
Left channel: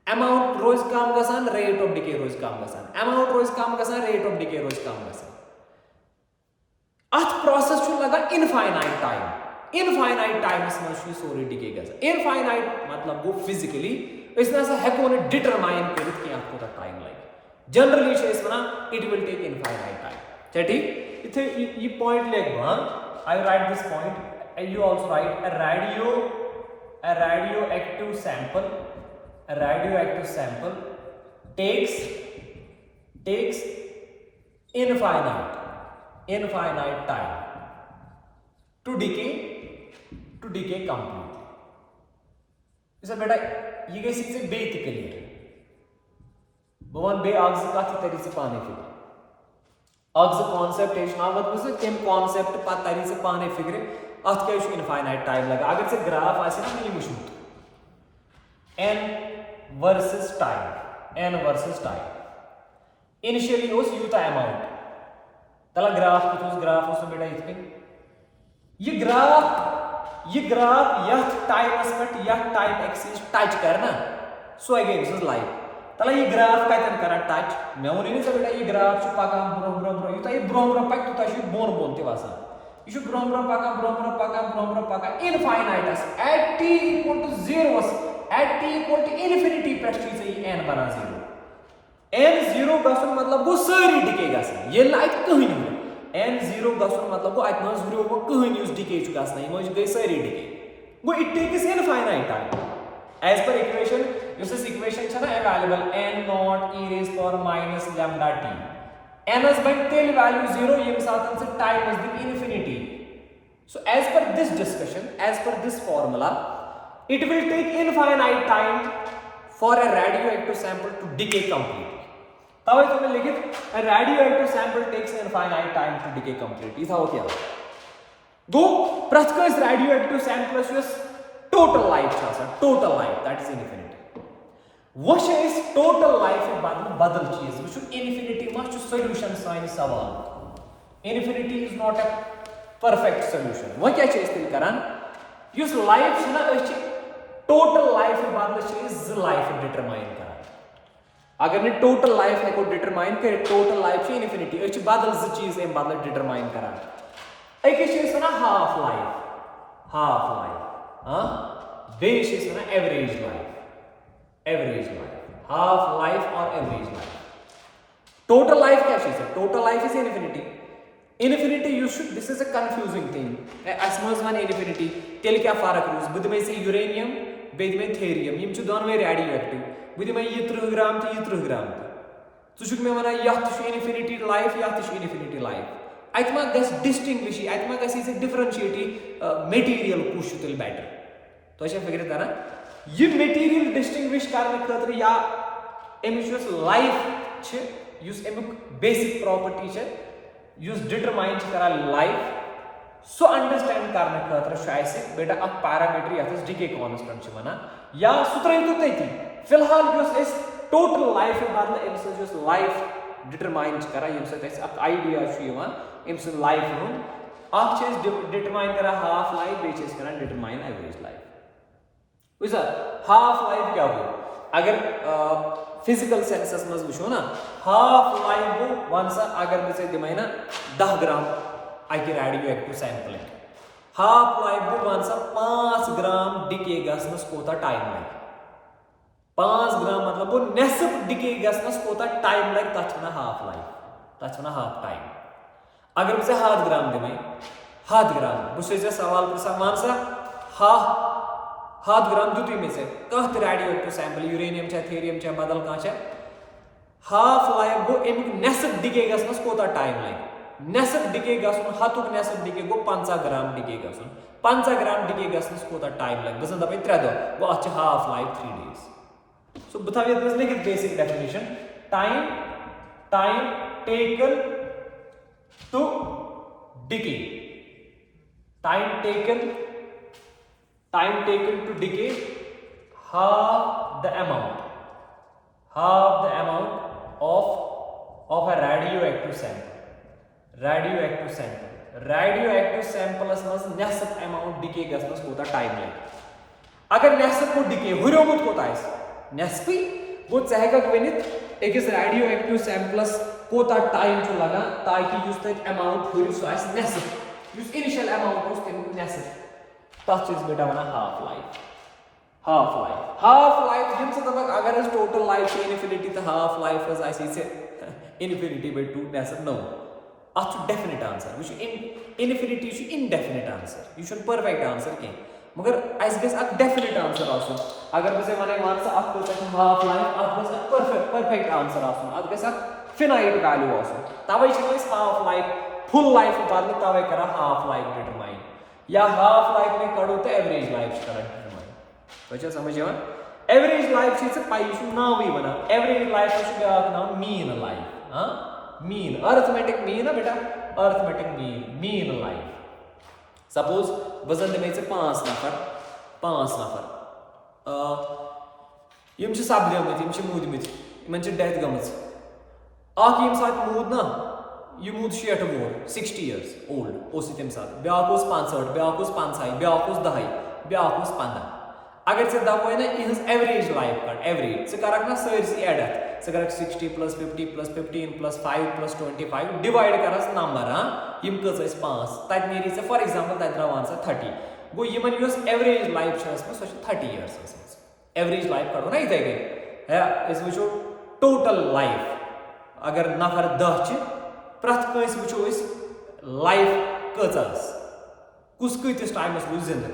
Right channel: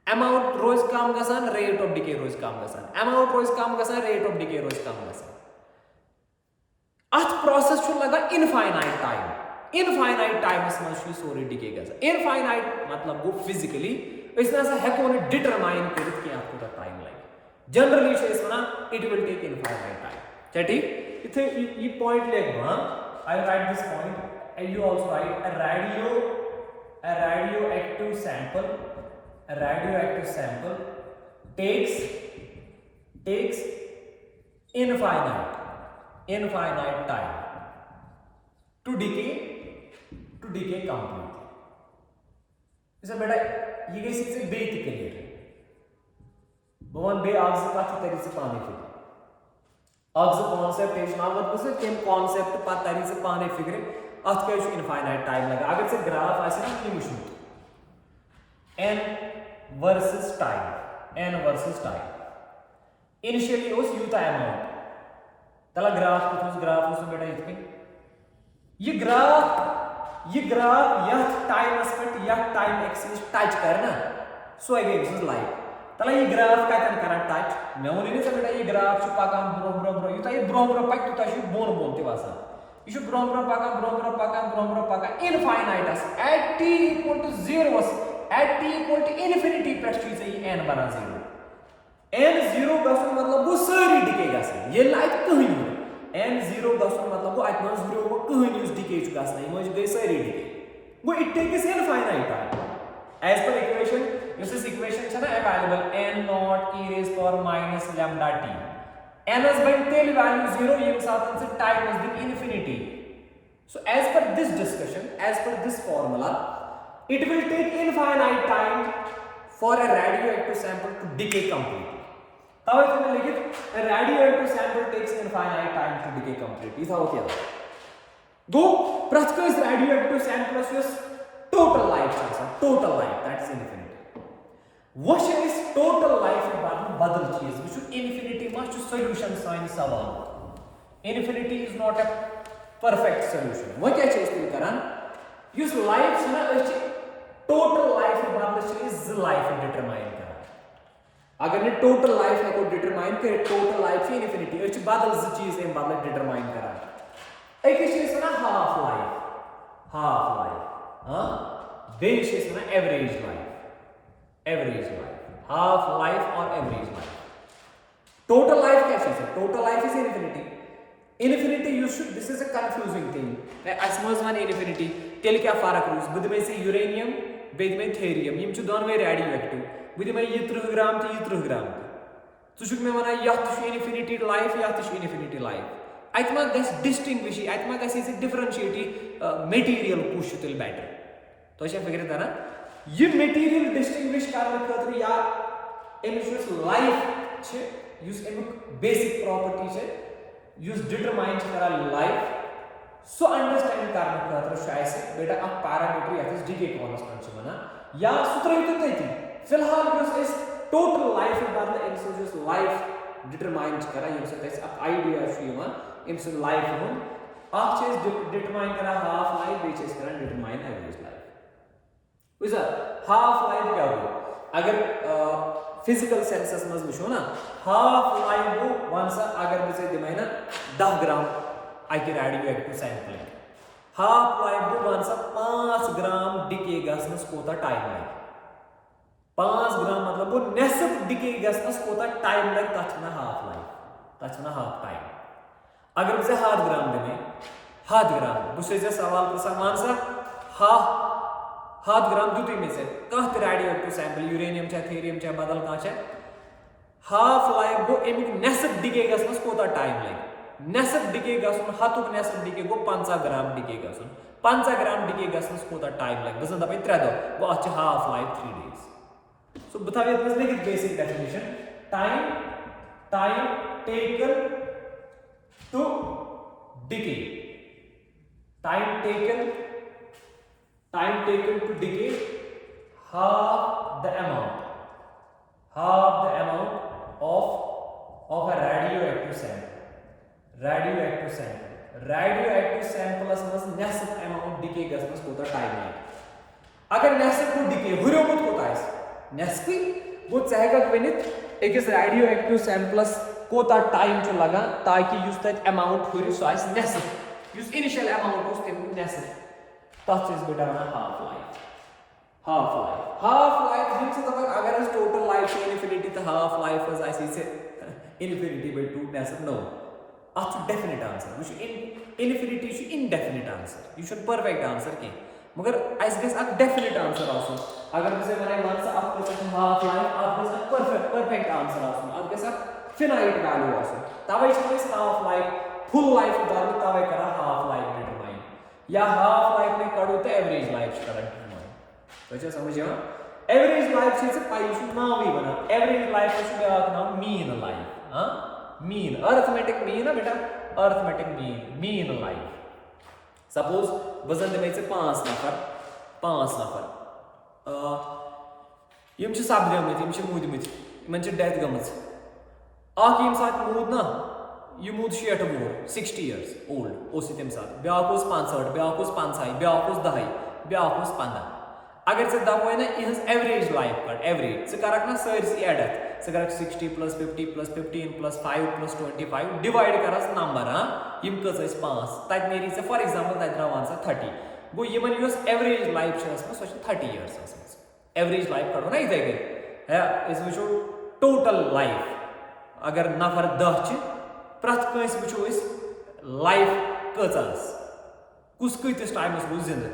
अमाउंट रोज कम गसान रेट ऑफ डिके रोज कम गसान अमाउंट रोज कम गसान रेट ऑफ डिके रोज कम गसान अत प्रोसेस लगा इनफाइनाइट टाइमस मज सोरी डिके गसान इनफाइनाइट मतलब गो फिजिकली हेको न डिटरमाइन कर टाइम लगे generally one it will take infinite time ठीक इथे ये पॉइंट लिख I write this point you also write a radioactive sample takes infinite time to decay decay completely. इसे बेटा ये गई से बे त क्लियर बवन बे आग से काथी तरी से पाने फिक्र आग से कॉन्सेप्ट है शनावत बस केम कॉन्सेप्ट पा तरी से पाने फिक्र अथ क्या इनफाइनाइट टाइम लगा अगर से ग्राफ आसे ना ये मुश्किल n versus time initially उस यूता अमाउंट तला ग्राफ कुछ ग्राफ उस बेटा इत पे ये ग्राफ यह टाइम एस्पेक्ट यह टाइम एक्सिस टच करना so again this is life तला ये ग्राफ कतन करा टच मे वन नी बेटा ये ग्राफ छु पकान ब्रो यूता ये ब्रो पक तुता छु बोन ते वासा ये छु ब्रो पकान इनफाइनाइटस at t equal to 0 at t equal to infinity पे ये n बना 0 n 0 गसन मतलब वो सारी डिके गसन ये लाइक कहीं n 0 गसन मतलब वो अत मज 0 वो कहीं यूज डिके छु गसन ये मज गई सारी डिके वो it takes infinite time as per equation this equation छ ना available n naught e raise power minus lambda t n is by टेल वैल्यू 0 ये साथ से time is the infinity so as per this discussion as per this formula it will take infinite time for a radioactive sample to decay completely तब इसमें लिखित a radioactive sample takes infinite time to decay completely था वो क्या गो प्रत्येक radioactive sample is total life total life that is infinity वो इस total life बदल चीज वो infinity मच solution साइन सवाल infinity is not a perfect solution वो क्या चीज तेरी करान युस लाइफ ना टोटल लाइफ बदल लाइफ डिटरमाइन कर अगर ने टोटल लाइफ को डिटरमाइन करे टोटल लाइफ इन्फिनिटी बदल चीज बदल डिटरमाइन कर half life average life half life और एवरेज लाइफ टोटल लाइफ क्या चीज है total life is infinity you should this is a confusing thing as much one infinity tel kya farak roos bud mein se uranium bed mein thorium yim chu don mein radioactive bud mein 30 gram te 30 gram tu chuk mein mana yath chu infinity life yath chu infinity life atma gas distinguish atma gas is differentiate material kush tel better to acha figure ta na ye material distinguish karne khatra ya emis life che use emuk basic property che use determine करा life so understand करने खतर शायद से बेटा अब parameter या decay constant छ वना या सूत्र तो तथी फिलहाल इस टोटल लाइफ बदल इस लाइफ डिटरमाइन करा यम से अब आइडिया इम लाइफ हम डिटरमाइन करा हाफ लाइफ बे करा डिटरमाइन एवरेज लाइफ बुझा हाफ लाइफ क्या हो अगर फिजिकल सेंसेस मज वो ना हाफ लाइफ गो वन सा अगर बे दिम ना 10 ग्राम अक radio active sampling half life go one सा 5 ग्राम डिके गसनस कोता टाइम लगे 5 ग्राम मतलब वो नेसफ डिके गसनस कोता टाइम लगे तथा हाफ लाइफ तथा हाफ टाइम अगर बे 100 ग्राम दिम 100 ग्राम बस सवाल पुछा वन सा हाफ 100 ग्राम दुत में से कह radioactive sample uranium thorium बदल कह हाफ लाइफ गो अमिक नेसफ डिके गसनस कोता टाइम लगे नेसफ डिके गसन हतुक नेसफ डिके गो 50 ग्राम डिके गसन 50 ग्राम डिके गसनस कोता टाइम लगे बस दप 3 दो गो अ हाफ लाइफ 3 डेज सो बता लिखित basic definition time taken to decay time taken to decay half the amount of a radioactive sample मज नेसफ amount decay गसनस कोता टाइम लगे अगर नेसफ को decay हुरमुत कोता नेसफी वो चेगा वनित एकस रेडियोएक्टिव सैंपलस कोता टाइम छु लगा ताकि युस तक अमाउंट हुर सो आस नेसफ युस इनिशियल अमाउंट उस नेसफ तथ बेटा वन हाफ लाइफ जैसे तक अगर टोटल लाइफ इन्फिनिटी तो हाफ लाइफ इन्फिनिटी बाय 2 नेसफ नो अत डेफिनेट आंसर वो इन्फिनिटी इनडेफिनेट आंसर यह परफेक्ट आंसर कह मगर अस डेफिनेट आंसर अगर बे वन हाफ लाइफ अत परफेक्ट आंसर अत फिनाइट वैल्यू तवे हाफ लाइफ फुल लाइफ बदल तवे कर हाफ लाइफ डिटरमाइन या हाफ लाइफ में कड़ो तो एवरेज लाइफ कड़न डिटरमाइन तो समझ यहां एवरेज लाइफ से पाई नावी बना एवरेज लाइफ नाम मीन लाइफ हाँ मीन अर्थमेटिक मीन ना बेटा अर्थमेटिक मीन लाइफ सपोज बजन दिमे 5 नफर यम सपदमत मूदमत इन डेथ गमज यम सात मूद ना यह मूद 60 वोर 60 years ओल्ड तम सात ब्या 65 ब्या 50 ब्या 10 ब्या 15 अगर से दपो ना is average life cut average से करक ना सरसी एड से करक 60 + 50 + 15 + 5 + 25 डिवाइड करस नंबर हाँ यम कस 5 तत नेरी से फॉर एग्जांपल तत द्रावान सा 30 गो यमन यस एवरेज लाइफ छस सो 30 years एवरेज लाइफ कड़ो ना इथे गई इस वो टोटल लाइफ अगर नफर 10 च प्रथ कंस वो लाइफ कस कुस कतिस टाइमस वो जिंद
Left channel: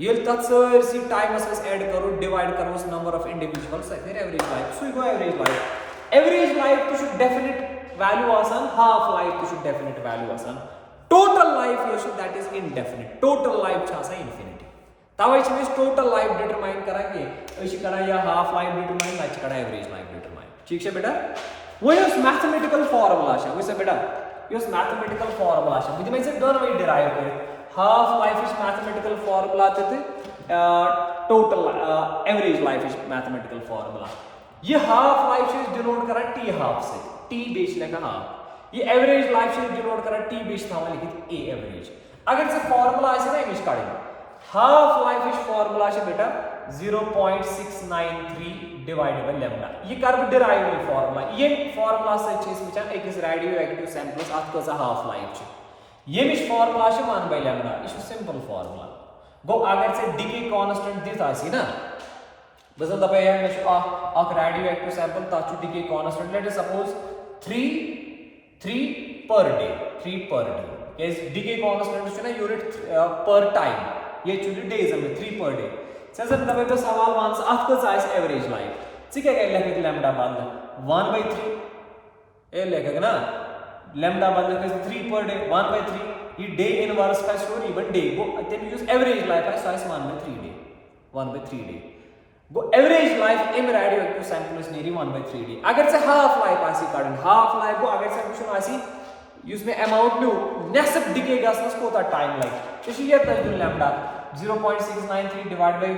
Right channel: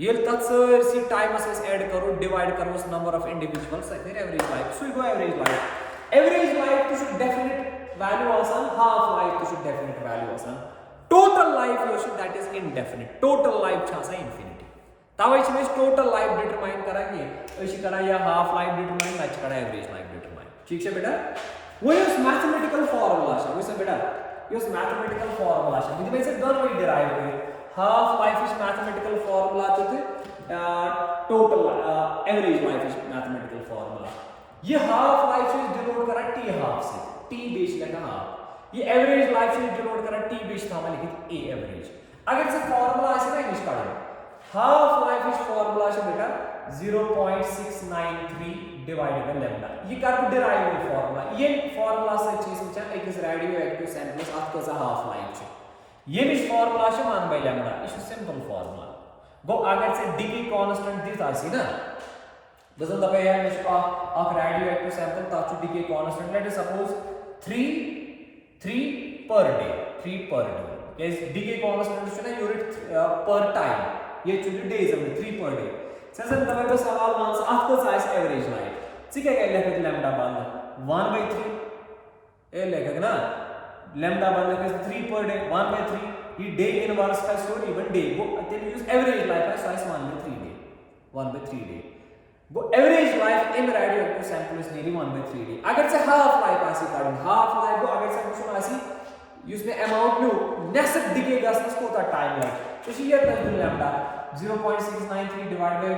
ये तथ सरसी टाइमस एड करो डिवाइड करो number of individuals average life so go average life तो डेफिनेट वैल्यू आसान हाफ लाइफ तो डेफिनेट वैल्यू आसान total life that is indefinite total life infinity तवे टोटल लाइफ डिटरमाइन करा या हाफ लाइफ डिटरमाइन ना करा एवरेज लाइफ डिटरमाइन ठीक है बेटा वो मैथमेटिकल फार्मूला वो बेटा यस मैथमेटिकल फार्मूला दोनों डिराइव कर half life is mathematical formula तो total average life is mathematical formula ये हाफ लाइफ से डिनोट करा टी हाफ से टी बेस लेखा हाफ ये एवरेज लाइफ से डिनोट करा टी बेस था लिखित ए एवरेज अगर से फार्मूला ऐसे ना इंग्लिश काढ हाफ लाइफ इज फार्मूला से बेटा 0.693 डिवाइडेड बाय लैम्डा ये कर डिराइव फार्मूला ये फार्मूला से चीज वचन एक रेडियो एक्टिव सैंपल्स अत कजा हाफ लाइफ छ ये मिश फार्मूला 1 by लैम्डा ये सिंपल फार्मूला गो अगर से डिके कांस्टेंट दिस आसी ना बजन दपे या मिश अक रेडियो एक्टिव सैंपल ता decay constant let us suppose 3 per day is decay constant छ ना यूनिट पर टाइम ये चुली डेज में 3 per day सजन दबे तो सवाल वांस अत को साइज एवरेज लाइफ ठीक है लेके लैम्डा बंद 1/3 ए लेके ना लैम्डा बंद के 3 per day 1/3 ये डे इनवर्स का स्टोरी इवन डे वो then use average life as size 1/3 day वो average life in radioactive sample is nearly 1/3 day अगर से हाफ लाइफ आसी काढन हाफ लाइफ को अगर से क्वेश्चन आसी उसमें अमाउंट में नेक्स्ट डिके गसनस कोता टाइम लाइक तो ये तक लैम्डा 0.693 डिवाइड बाय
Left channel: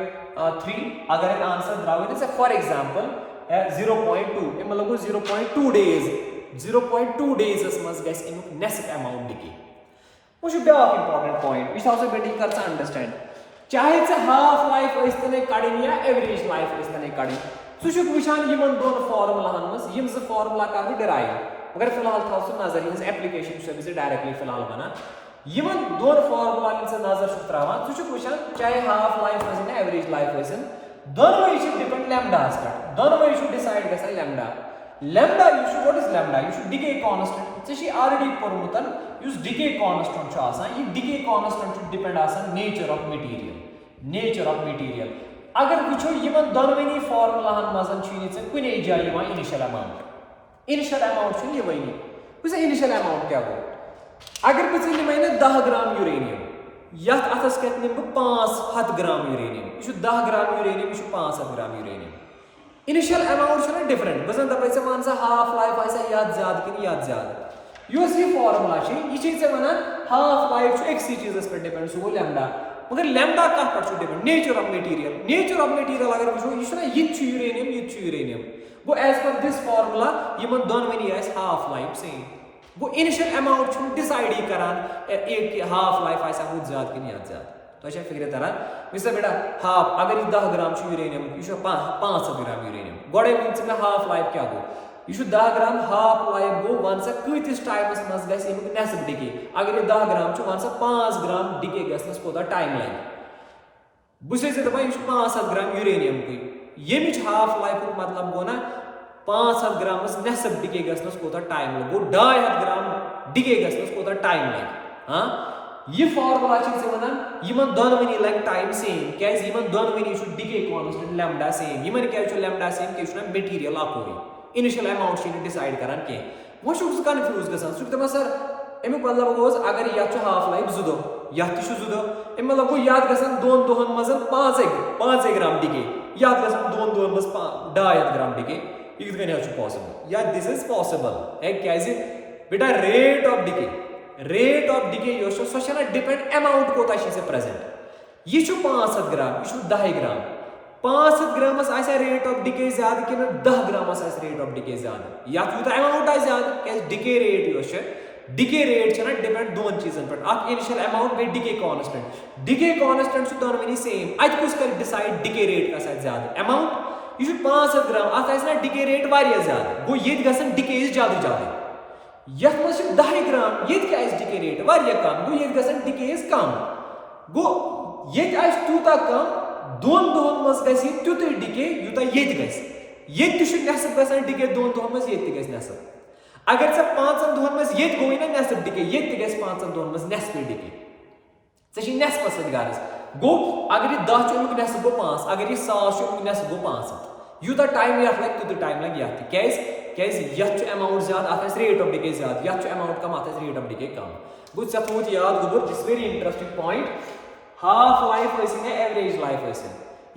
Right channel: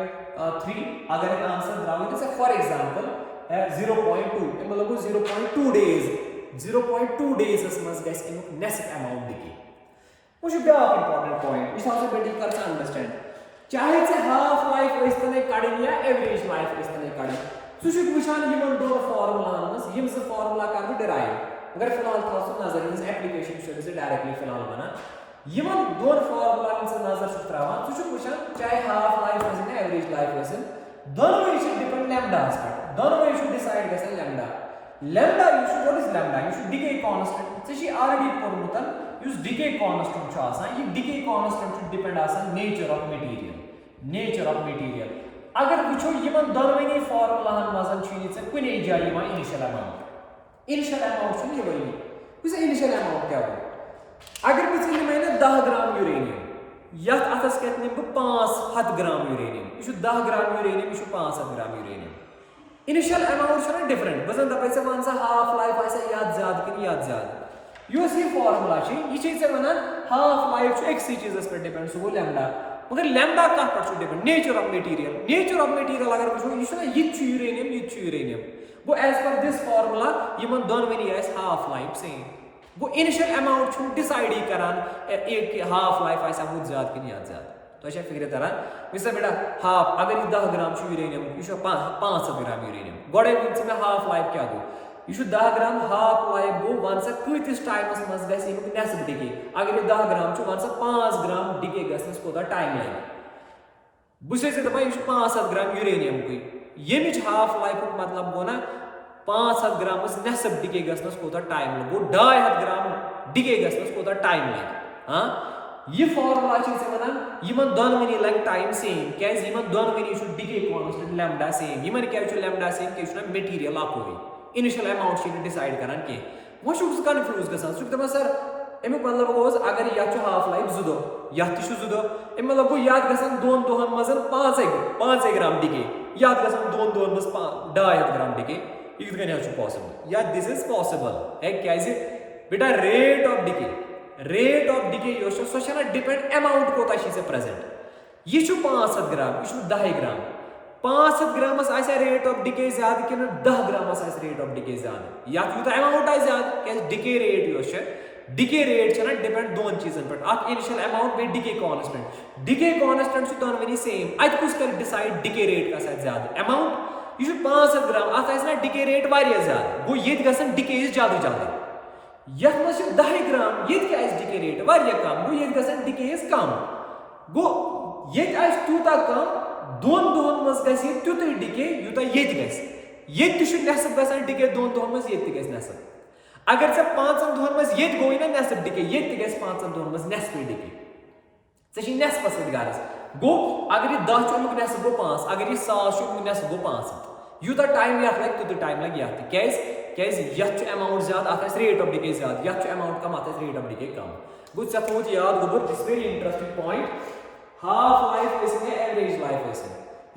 3 अगर एक आंसर द्रावित से फॉर एग्जांपल 0.2 ए मतलब 0.2 days as must guys in next amount decay वो should be an important point which also very कर अंडरस्टैंड चाहे से हाफ लाइफ इस तने काढिन या एवरेज लाइफ इस तने काढिन सो शुड विशान यमन दोन फार्मूला हनस यम से फार्मूला का भी डिराइव अगर फिलहाल था सो नजर इन एप्लीकेशन से डायरेक्टली फिलहाल बना यमन दोन फार्मूला इन से नजर सुत्रावा सो शुड विशान चाहे half life is average life is दोनों ये शुड डिपेंड लैम्डा पर दोनों ये शुड डिसाइड गसन lambda you should what is lambda you should decay constant she already pormutan use decay constant cha asan ye decay constant should depend asan nature of material agar wucho yiman donwani formula han mazan chini se kune jay yima initial amount chini yevani wise initial amount kya ho agar bisi mayne 10 gram uranium yat atas ketne 5 gram uranium you should 10 gram uranium you should 5 gram uranium initial amount है ना different बजन दपाई से one सा half life ऐसा याद ज्यादा कि याद ज्यादा यो सी फार्मूला छी ये चीज से वना हाफ लाइफ एक सी चीज पर डिपेंड सो लैम्डा मगर लैम्डा का पर डिपेंड नेचर ऑफ मटेरियल अगर वो ये ना ये यूरेनियम वो as per this formula Yemen दोन वनी है हाफ लाइफ से वो इनिशियल अमाउंट छु डिसाइड ही करान एक हाफ लाइफ ऐसा हो ज्यादा कि याद ज्यादा तो अच्छा फिक्र तरह मिसा बेटा हाफ अगर 10 gram uranium you 5 gram uranium गोड़े में हाफ लाइफ क्या go you 10 gram half life go one से कतिस टाइमस मज गस यमुक नेक्स्ट डिके अगर 10 ग्राम छु वन से 5 ग्राम डिके गसनस कोता टाइम लाइन बुसे से दबा यू 5 ग्राम यूरेनियम को यमिच हाफ लाइफ मतलब गो ना 5 ग्राम नेक्स्ट डिके गसनस कोता टाइम गो 2.5 ग्राम डिके गसनस कोता टाइम लाइन हां ये फार्मूला से वनान यमन दोनवनी लग टाइम सेम क्या यमन दोनवनी should decay constant lambda same यमन क्या छु लैम्डा सेम के छु मटेरियल आकोई इनिशियल अमाउंट छु डिसाइड करन के वो शुड कंफ्यूज गसन शुड तमा सर एमे मतलब गोज अगर या छु हाफ लाइफ जुदो यह तु 2 दह मतलब गो याद गसन 2 दोहन मज 5 ग्राम डिके याद गसन 2 दोहन मज 250 ग्राम डिके यह कन पॉसिबल या दिस इज पॉसिबल है क्या बेटा rate of decay so depend amount कोता प्रेजेंट यह 500 ग्राम यह 10 ग्राम 500 ग्रामस रेट ऑफ डिके ज्यादा कि 10 ग्रामस रेट ऑफ डिके ज्यादा या अमाउंट आ ज्यादा क्या डिके रेट ना डिपेंड दोन चीजन पे इनिशियल अमाउंट बे डिके कांस्टेंट दोनवनी सेम अत कुछ कर डिसाइड डिके रेट का ज्यादा अमाउंट यह 500 ग्राम अत डिके रेट वारिया ज्यादा गो ये गसन डिके ज्यादा यथ मज 10 ग्राम ये डिके रेट वारिया कम गो ये गसन डिके कम गो ये तूता कम 2 दोहन मज गि तुत डिके यूता ये नेसफ गसान डिके 2 दोहन मज ये नेसफ अगर से 5 दोहन मज ये गो ना नेसफ डिके ये 5 दोहन मज नेसफ डिके ऐ नेसफ सत गारस गो अगर यह 10 अमुक नेसफ गो 5 अगर यह 100 अमुक नेसफ गो 500 यूता टाइम यथ लगे तुत टाइम लगे यथ क्या अमाउंट ज्यादा अत रेट ऑफ डिके ज्यादा यथ अमाउंट कम अत रेट ऑफ डिके कम गो थोत याद गोबर this very interesting point half life average life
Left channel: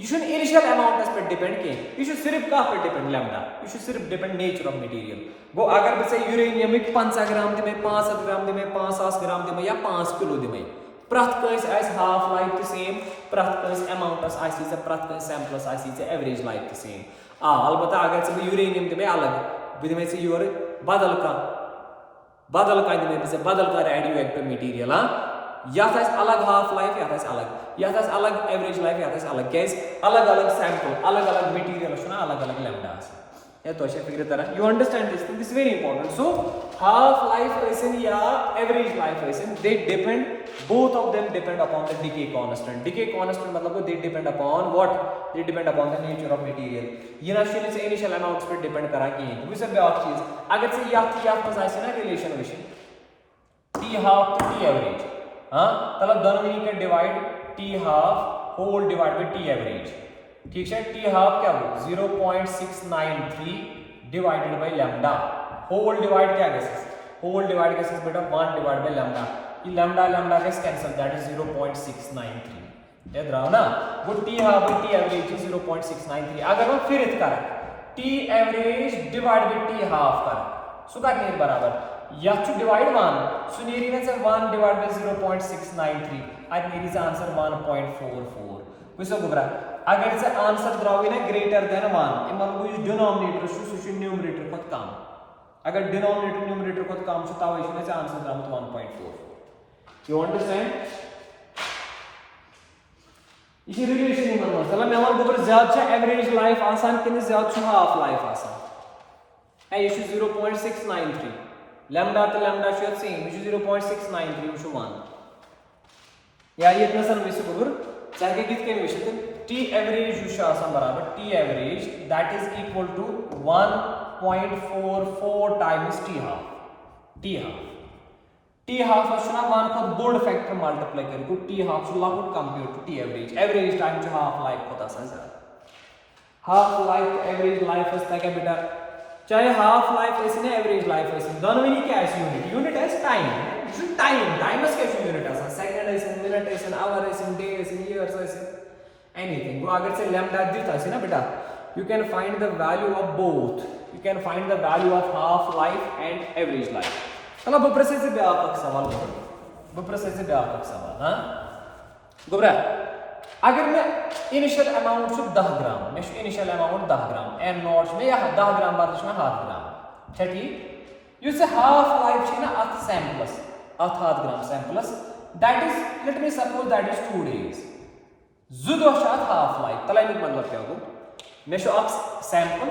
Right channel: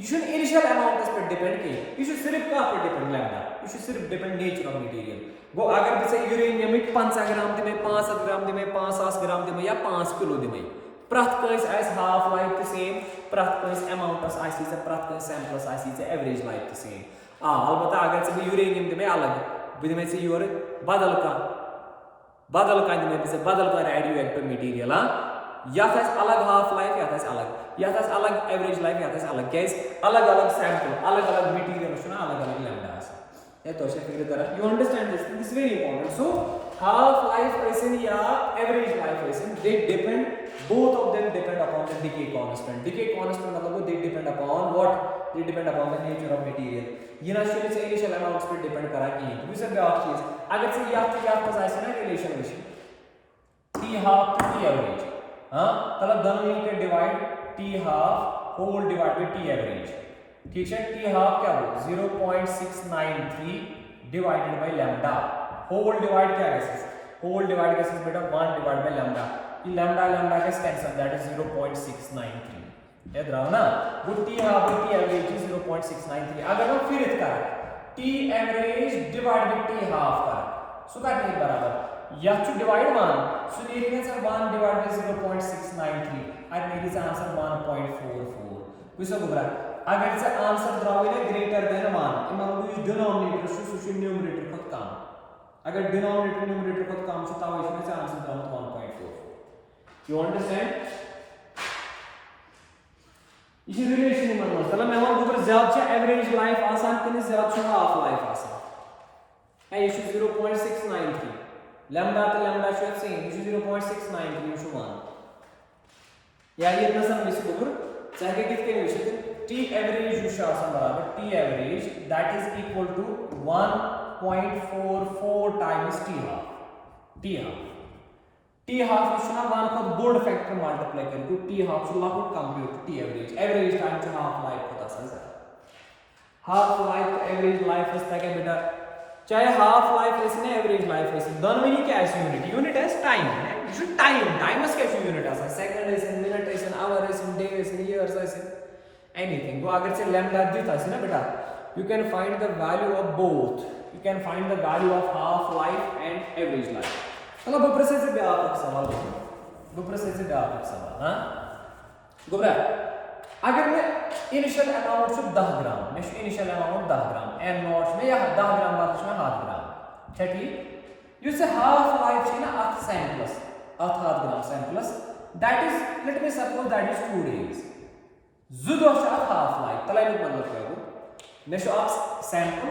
यह इनिशियल अमाउंट पे डिपेंड कह यह सिर्फ कह पे डिपेंड लैम्डा यह सिर्फ डिपेंड नेचर ऑफ मटीरियल गो अगर बह यूरेनियम 50 ग्राम दिमे 500 ग्राम दिमे 500 ग्राम दिमे या 5 किलो दिमे प्रथ कंस हाफ लाइफ तो सेम प्रथ कंस अमाउंटस प्रथ कंस सैंपलस एवरेज लाइफ तो सेम अलबत्ता अगर बह यूरेनियम दिमे अलग बह दिमे योर बदल कह दिमे बदल कह रेडियो एक्टिव मटीरियल यथ अलग हाफ लाइफ यथ अलग एवरेज लाइफ यथ अलग क्या अलग अलग सैंपल अलग अलग मटीरियल अलग अलग लैम्डा तो फिक्र तरह you understand this very important so half life या average life they depend both of them depend upon the decay constant मतलब they depend upon what they depend upon the nature of material ये ना शुरू से initial amounts पे depend करा कि वो सब बात चीज अगर से याद मजाइसे ना relation t half to t average मतलब दोनों मिलकर divide t half whole divide by t average ठीक है t half क्या हो 0.693 divided by lambda whole divide क्या है होल डिवाइड कैसे बेटा 1 डिवाइड बाय लैम्डा ये लैम्डा का कैंसिल दैट इज 0.693 याद रहा ना वो t half by t average is 0.693 अगर हम फिर इसका t average divide by t half का सो दैट इज बराबर या to divide 1 so near answer 1 divided by 0.693 I need is answer 1.44 Wiseau गुबरा अगर से आंसर द्रावी ना ग्रेटर देन 1 इमन को इस डिनोमिनेटर सु न्यूमरेटर को कम अगर डिनोमिनेटर न्यूमरेटर को कम से ताव इसमें से आंसर द्राव 1.4 यू अंडरस्टैंड इसी रिलेशन में मतलब मैं मान गुबर ज्यादा छ एवरेज लाइफ आसान कने ज्यादा छ हाफ लाइफ आसान है ये 0.693 लैम्डा तो lambda should same which is 0.693 to 1 या ये इतना सन विषय गुबर चाहे कितने विषय t average जो आसान बराबर t average that is equal to 1.44 times t half असना 1 का बोर्ड फैक्टर मल्टीप्लाई करें तो t half से लागू कंप्यूट t average टाइम जो हाफ लाइफ होता है हाफ लाइफ एवरेज लाइफ है क्या बेटा चाहे हाफ लाइफ ऐसे ना एवरेज लाइफ ऐसे दोनों ही क्या ऐसे यूनिट है टाइम है टाइम is कैसे यूनिट है सेकंड ऐसे मिनट ऐसे आवर ऐसे डे ऐसे ईयर्स ऐसे एनीथिंग वो अगर से लैम्डा देता है ना बेटा you can find the value of both you can find the value of half life and average life चलो बप्रेसे से व्यापक सवाल हां गुबरा अगर मैं इनिशियल अमाउंट से 10 ग्राम मैं initial amount 10 gram N naught में या 10 ग्राम बाद में हाफ ग्राम ठीक यू से हाफ लाइफ है ना अथ सैंपल्स अथ half gram samples that is let me suppose that is 2 days जुदो शायद हाफ लाइफ तलाई मतलब क्या हो मैं शो अथ सैंपल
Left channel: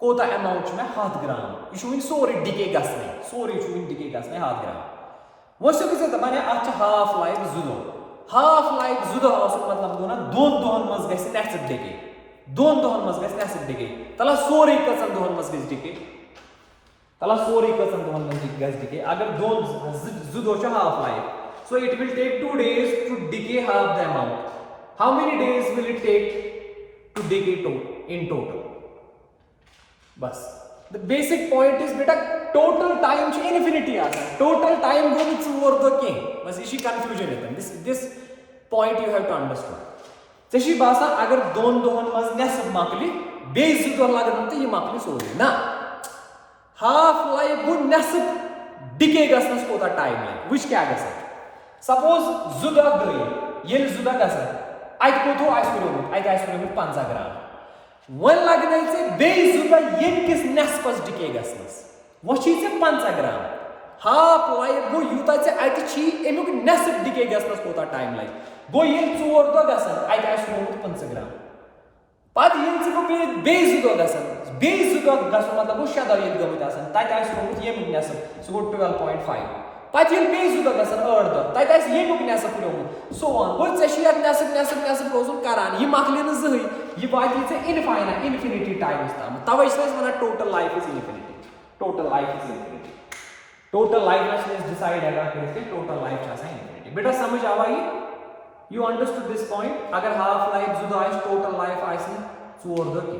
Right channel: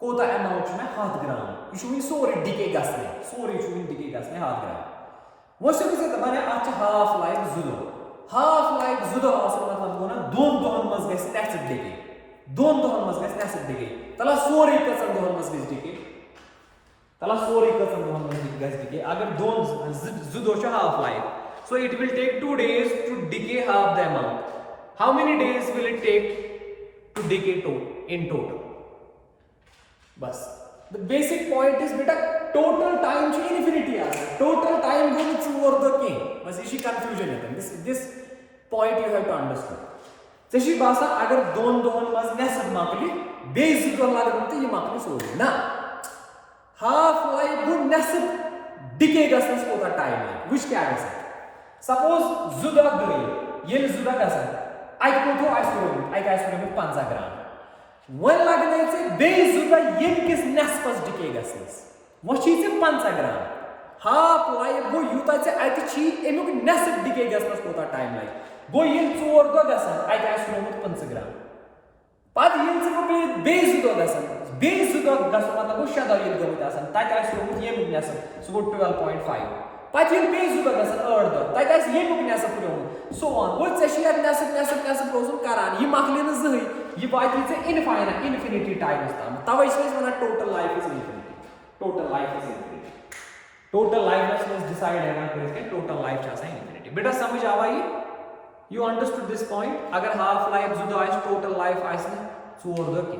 कोता अमाउंट में हाफ ग्राम यू सोरी डिके गसने हाफ ग्राम वो से किसे माने अथ हाफ लाइफ जुदो मतलब गो ना 2 दोहन मज गस नेसफ डिके 2 दोहन मज गस नेसफ डिके तला सोरी कसन दोहन मज गस डिके अगर 2 जुदो छ half life so it will take 2 days to decay half the amount how many days will it take to decay in total बस the basic point is beta total time ch infinity आ total time goes over the king बस ये confusion है this point you have to understand चे बासान अगर दोन दोहन मज नेसफ मकलि बे जु दोह लगन तो ये मकलि सोरे ना हाफ लाइफ गो नेसफ डिके गसनस कोता टाइम लगे विच क्या गस सपोज जु दोह गई ये जु दोह गसन अत कोथो आस रोमुत अत आस रोमुत 50 ग्राम वन लगने से बे जु दोह ये किस नेसफस डिके गसनस वो छी से 50 ग्राम हाफ लाइफ गो यूता से अत छी एमुक नेसफ डिके गसनस कोता टाइम लगे गो ये 4 दोह गसन अत आस रोमुत 50 ग्राम पद ये से गो बे जु दोह गसन बे जु दोह गसन मतलब गो 6 दोह ये गमत आसन तत आस रोमुत येमुक नेसफ सो गो 12.5 पद ये बे जु दोह गसन 8 दोह तत आस येमुक नेसफ रोमुत सो ऑन गो से छी नेसफ रोजुन करान ये मकलि न जही ये वाति से इनफिनिटी टाइम्स ताम तवै छ वना total life is infinity total life is infinity total life is decide है करके टोटल लाइफ छ इनफिनिटी बेटा समझ आवा ये यू अंडरस्टूड दिस पॉइंट अगर हाफ लाइफ जुदा आस टोटल लाइफ आस 4 दो की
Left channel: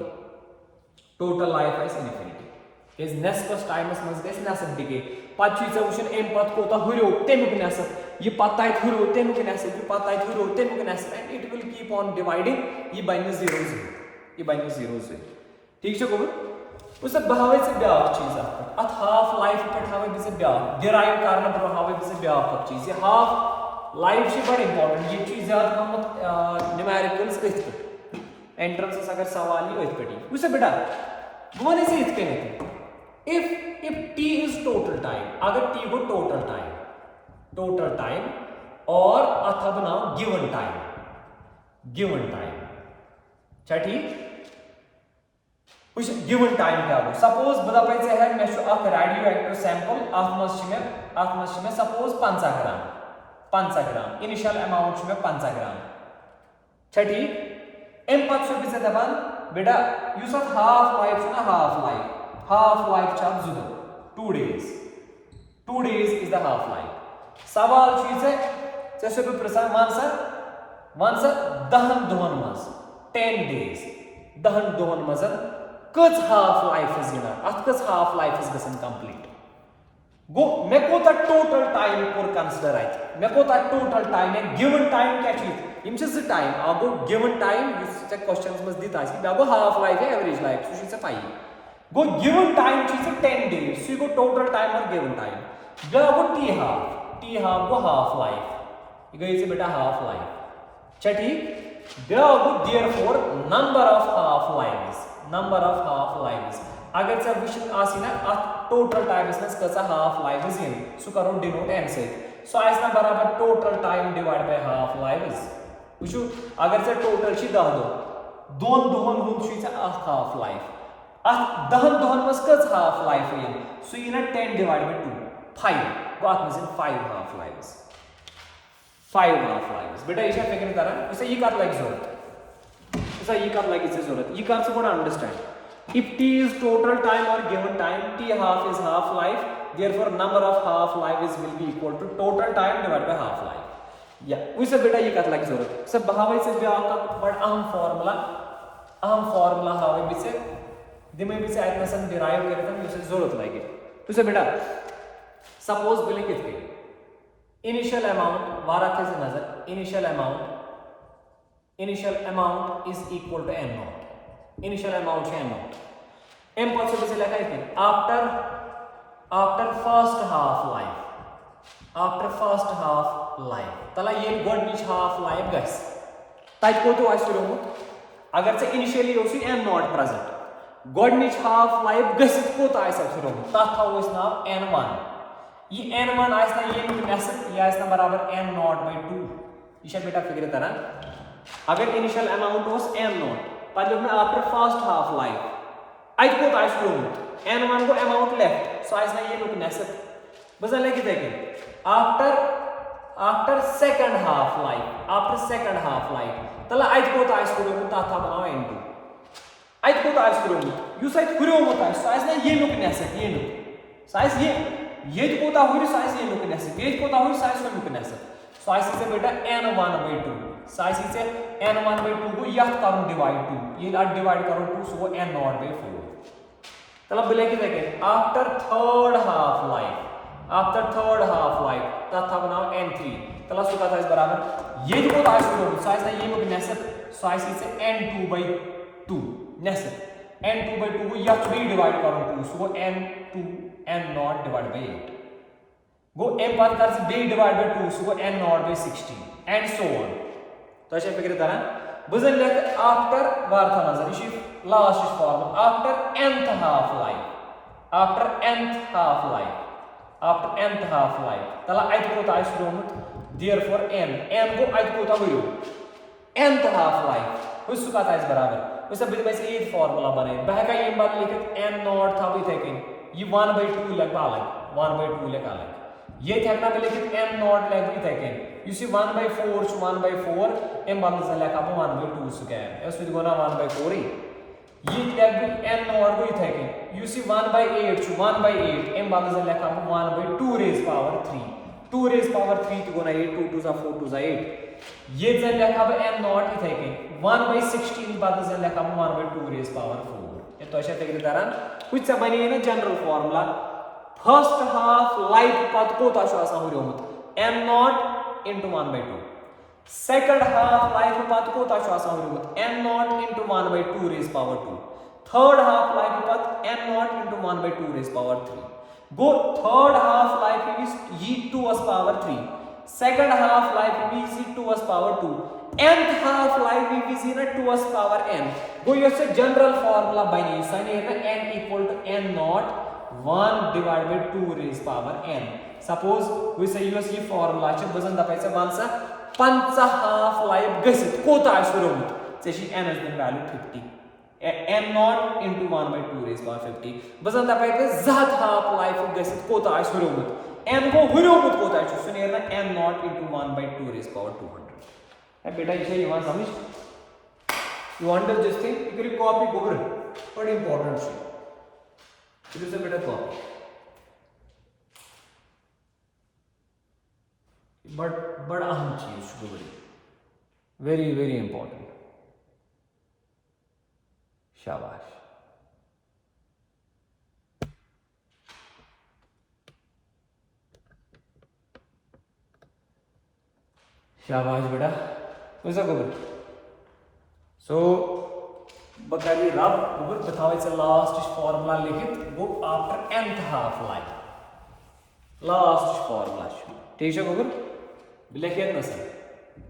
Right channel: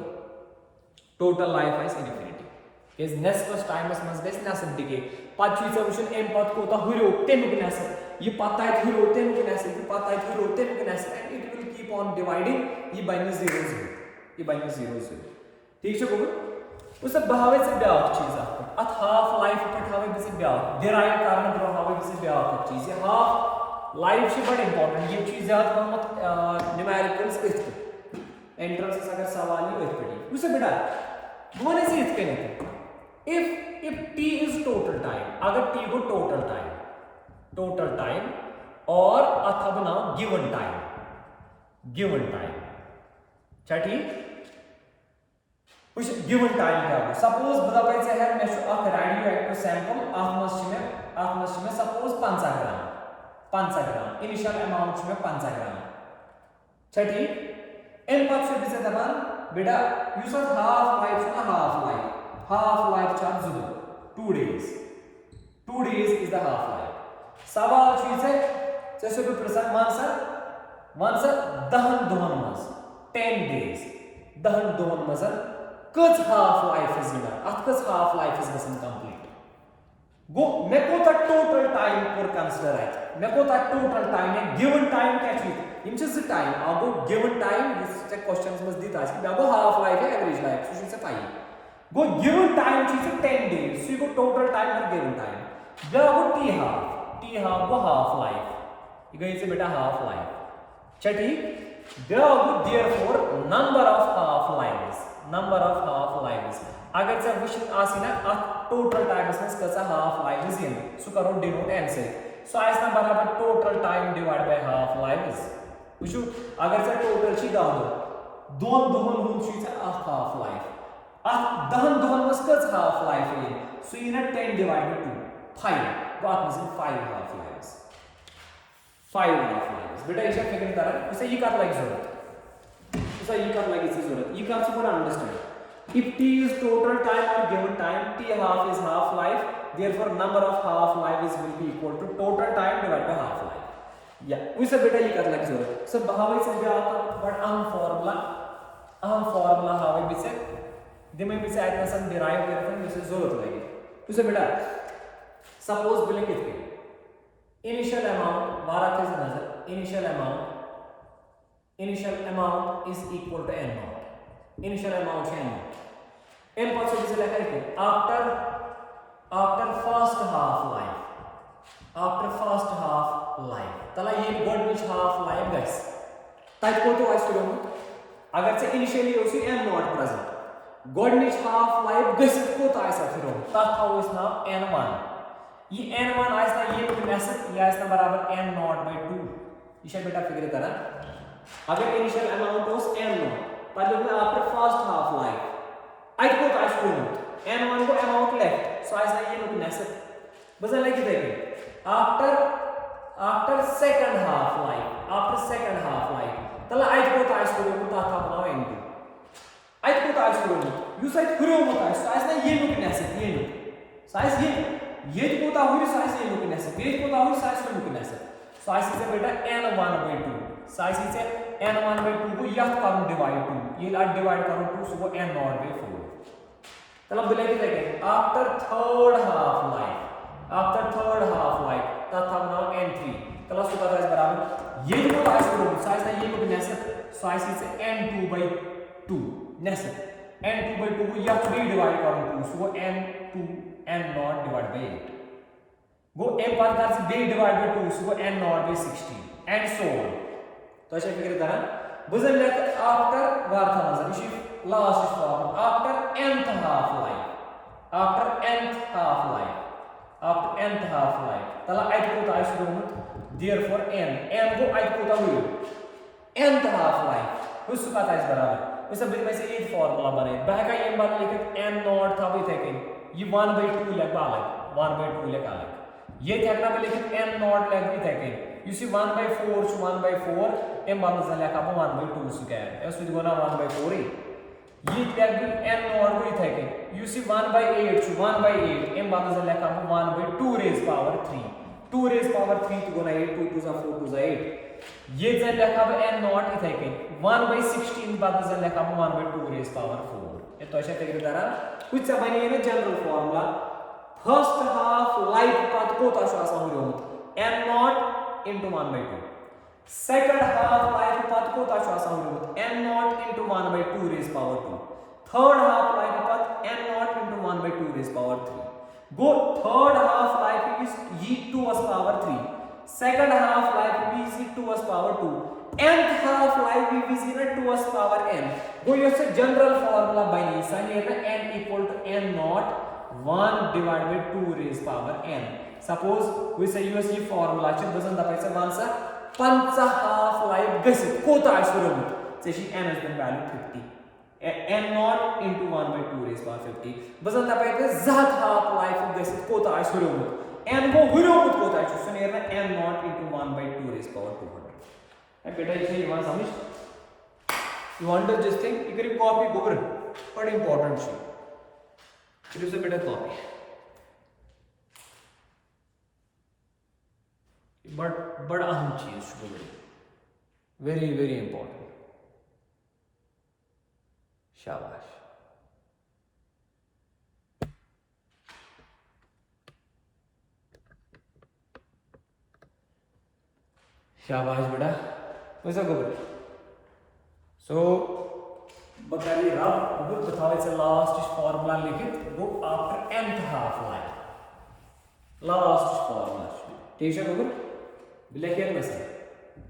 total life as infinity is next times मस गस नेसफ डिके पद छी से वुशन एम पद कोता हुरो तेमुक नेसफ ये पद तत हुरो तेमुक नेसफ ये पद तत हुरो तेमुक नेसफ and it will keep on dividing ये बन 0 ये बन 0 ठीक छ गोबर उस बहावे से ब्याह चीज अत हाफ लाइफ पे हावे बिसे ब्याह डिराइव करने पर हावे बिसे ब्याह चीज ये हाफ लाइफ से बड़ा इंपॉर्टेंट ये चीज ज्यादा कम न्यूमेरिकल्स पे एंट्रेंस अगर सवाल ही पड़ी उसे बेटा वन से इत कने if t is total time अगर t को टोटल टाइम और अथा बनाओ गिवन टाइम क्या ठीक गिवन टाइम क्या हो सपोज बता पे से है मैं रेडियो एक्टिव सैंपल आथ मस में सपोज 50 ग्राम इनिशियल अमाउंट में 50 ग्राम अच्छा ठीक एम पद से बिसे दबान बेटा यू सब हाफ लाइफ चार जुदा 2 days is the half life सवाल चीज है जैसे कोई प्रश्न वन सर दहन दोहन मस 10 days दहन दोहन मस कच हाफ लाइफ इज गिना अत कच हाफ लाइफ इज गसन कंप्लीट गो मे कोता टोटल टाइम कोर कंसीडर आइत मे कोता टोटल टाइम है गिवन टाइम क्या चीज इम छ टाइम आगो गिवन टाइम इस क्वेश्चंस मस दिता छी बाबो हाफ लाइफ है एवरेज लाइफ सो से पाई गो गिवन टाइम चीज 10 days सो गो टोटल टाइम और गिवन टाइम बाबो T half go half life ये गई से बेटा हाफ लाइफ अच्छा ठीक बाबो therefore number of half lives अगर से विच आसी ना टोटल टाइम में कसा हाफ लाइव्स इन सो करो डिनोट n से सो आइस ना बराबर total time divide by half lives वुचु अगर से टोटल छी 10 दोन दोहन हुन छी से हाफ लाइफ दहन दोहन में कस हाफ लाइफ इन सो इना 10 डिवाइड बाय 2 5 बात में 5 हाफ लाइव्स बेटा इसे फिक्र करा इसे ये कर लाइक जरूरत इसे ये कर लाइक इसे जरूरत ये कर से बड़ा understand if t is total time or given time t half is half life therefore number of half lives will be equal to total time divided by half life या उसे बेटा ये कर लाइक जरूरत सब बहावे से भी आपका बट अहम फार्मूला हावे बिसे दिमे बिसे आइतना सन डिराइव करते उसे जरूरत लगे उसे बेटा सपोज बिले कितने इनिशियल अमाउंट वारा थे से नजर initial amount is equal to n naught initial amount है n naught m पॉसिबल से लिखा है आफ्टर फर्स्ट हाफ लाइफ तला ये गोडनिच हाफ लाइफ गस तत को तो आइस करो अगर से इनिशियली ओसी n naught प्रेजेंट गोडनिच हाफ लाइफ गस को तो आइस करो तत था उस नाम n1 ये n1 आइस ना ये नेसेट ये आइस ना बराबर n naught by 2 इसे बेटा फिगर करा अगर initial amount was n naught पर में after first half life I को आइस करो n1 को अमाउंट लेफ्ट सो आइस ना ये लोग नेसेट बस लगी देखें आफ्टर सेकंड हाफ लाइफ तला आई को आइस करो ता था बनाओ n2 आई को आइस करो यू साइड करो मत आइस आइस ना ये लोग नेसेट ये लोग साइज ये को ता हुई साइज ये लोग नेसेट ये को ता हुई साइज को लोग नेसेट साइज से बेटा n1 by 2 साइज से n1 by 2 को यह करो डिवाइड 2 ये लाट डिवाइड करो 2 सो वो n naught by 4 तलब बोले कि देखें आफ्टर थर्ड हाफ लाइफ तथा बनाओ n3 तला सु कत बराबर ये को आइस रोम साइज ना ये को नेसफ साइज से n2/2 नेसफ n2/2 को या 3 डिवाइड करो 2 सो n2 n0 divide by 8 go m बाद कर से b divide by 2 so n0 by 16 and so on तो ऐसे फिक्र तरह बुझन लेक आफ्टर वार्था नजर इश last form after nth half life after nth half life तला अत कोत आइस रोमुत देयरफॉर n गो अत कोत हुयो nth हाफ लाइफ उस कत आइस बराबर उस बिद में से ये फार्मूला बने बहका ये बात लिखित n0 था भी थे ये 1/2 लग अलग 1/2 लग अलग ये थकना पे लिखित n0 लग भी थे you see 1/4 to 1/4 m बात लेखा 1/2 स्क्वायर उस विद गोना 1/4 ये लग भी n0 को थे you see 1/8 to 1/8 m बात लेखा 1/2 raised power 3 2 raised power 3 तो गोना 8 2 2 जा 4 2 जा 8 ये जन लेखा n0 थे 1/16 बात लेखा 1/2 raised power 4 ये तो ऐसे तक दरान कुछ से बने ना general formula first half life पत कोता छ आसा हुरियोमुत m0 into 1/2 second half life path kota chu asa hurimut n0 into 1/2 raised power 2 third half life path n0 into 1/2 raised power 3 go third half life is e to us power 3 second half life is e to us power 2 nth half life is e to us power n go your general formula bani sani na n equal to n0 1 divided by 2 raised power n suppose we say use ये formula च बजन दपायचं मानसा 5 half life गसित कोता आसुरमुत जशी n has been value 50 n0 into 1/2 raised power 50 बजन दपायचं जात half life गसित कोता आसुरमुत n को हुरमुत कोता च सुनेर ना n0 into 1/2 raised power 200 है बेटा इसे यहां समझ you want this thing you can copy over but important shit it is a better copy but बड़ा अहम चीज वेरी वेरी इंपॉर्टेंट शाबाश शाबाश बेटा कैसा खबर सो बताइए रब खबर बताओ लास्ट फॉर्मूला लिखित वो after nth half life last formula ठीक है खबर लिखिए ना sir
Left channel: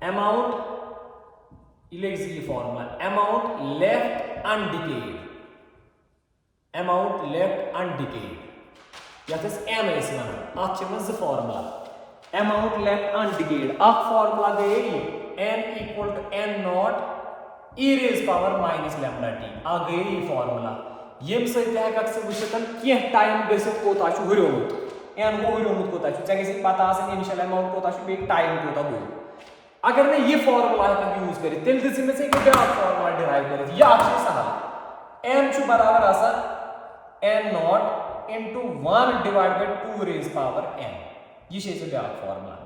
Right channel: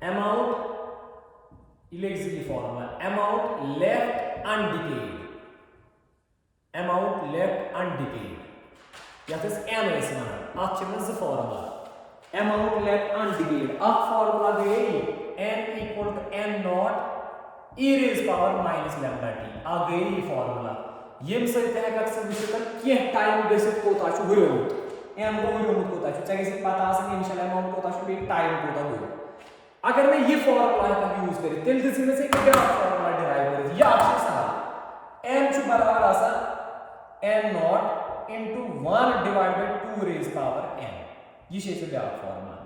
amount electricity formula amount left undecayed यत m इस वन अत ज फॉर्मूला अमाउंट लेफ्ट अनडिकेड अ फॉर्मूला गए n equal to n0 e raised power minus lambda t आ गए ये फॉर्मूला यम से तहक से वुचतन के टाइम गसित कोता छु हुरमुत n को हुरमुत कोता छु चाहे पता आसन इनिशियल अमाउंट कोता छु बे टाइम कोता हुयो अगर मैं ये फॉर्मूला का यूज करी तेल दिस में से एक ग्राफ फॉर्मूला डिराइव करी या अच्छे सवाल m छु बराबर आसा n0 into 1 divided by 2 raised power n ये छे से ग्राफ फॉर्मूला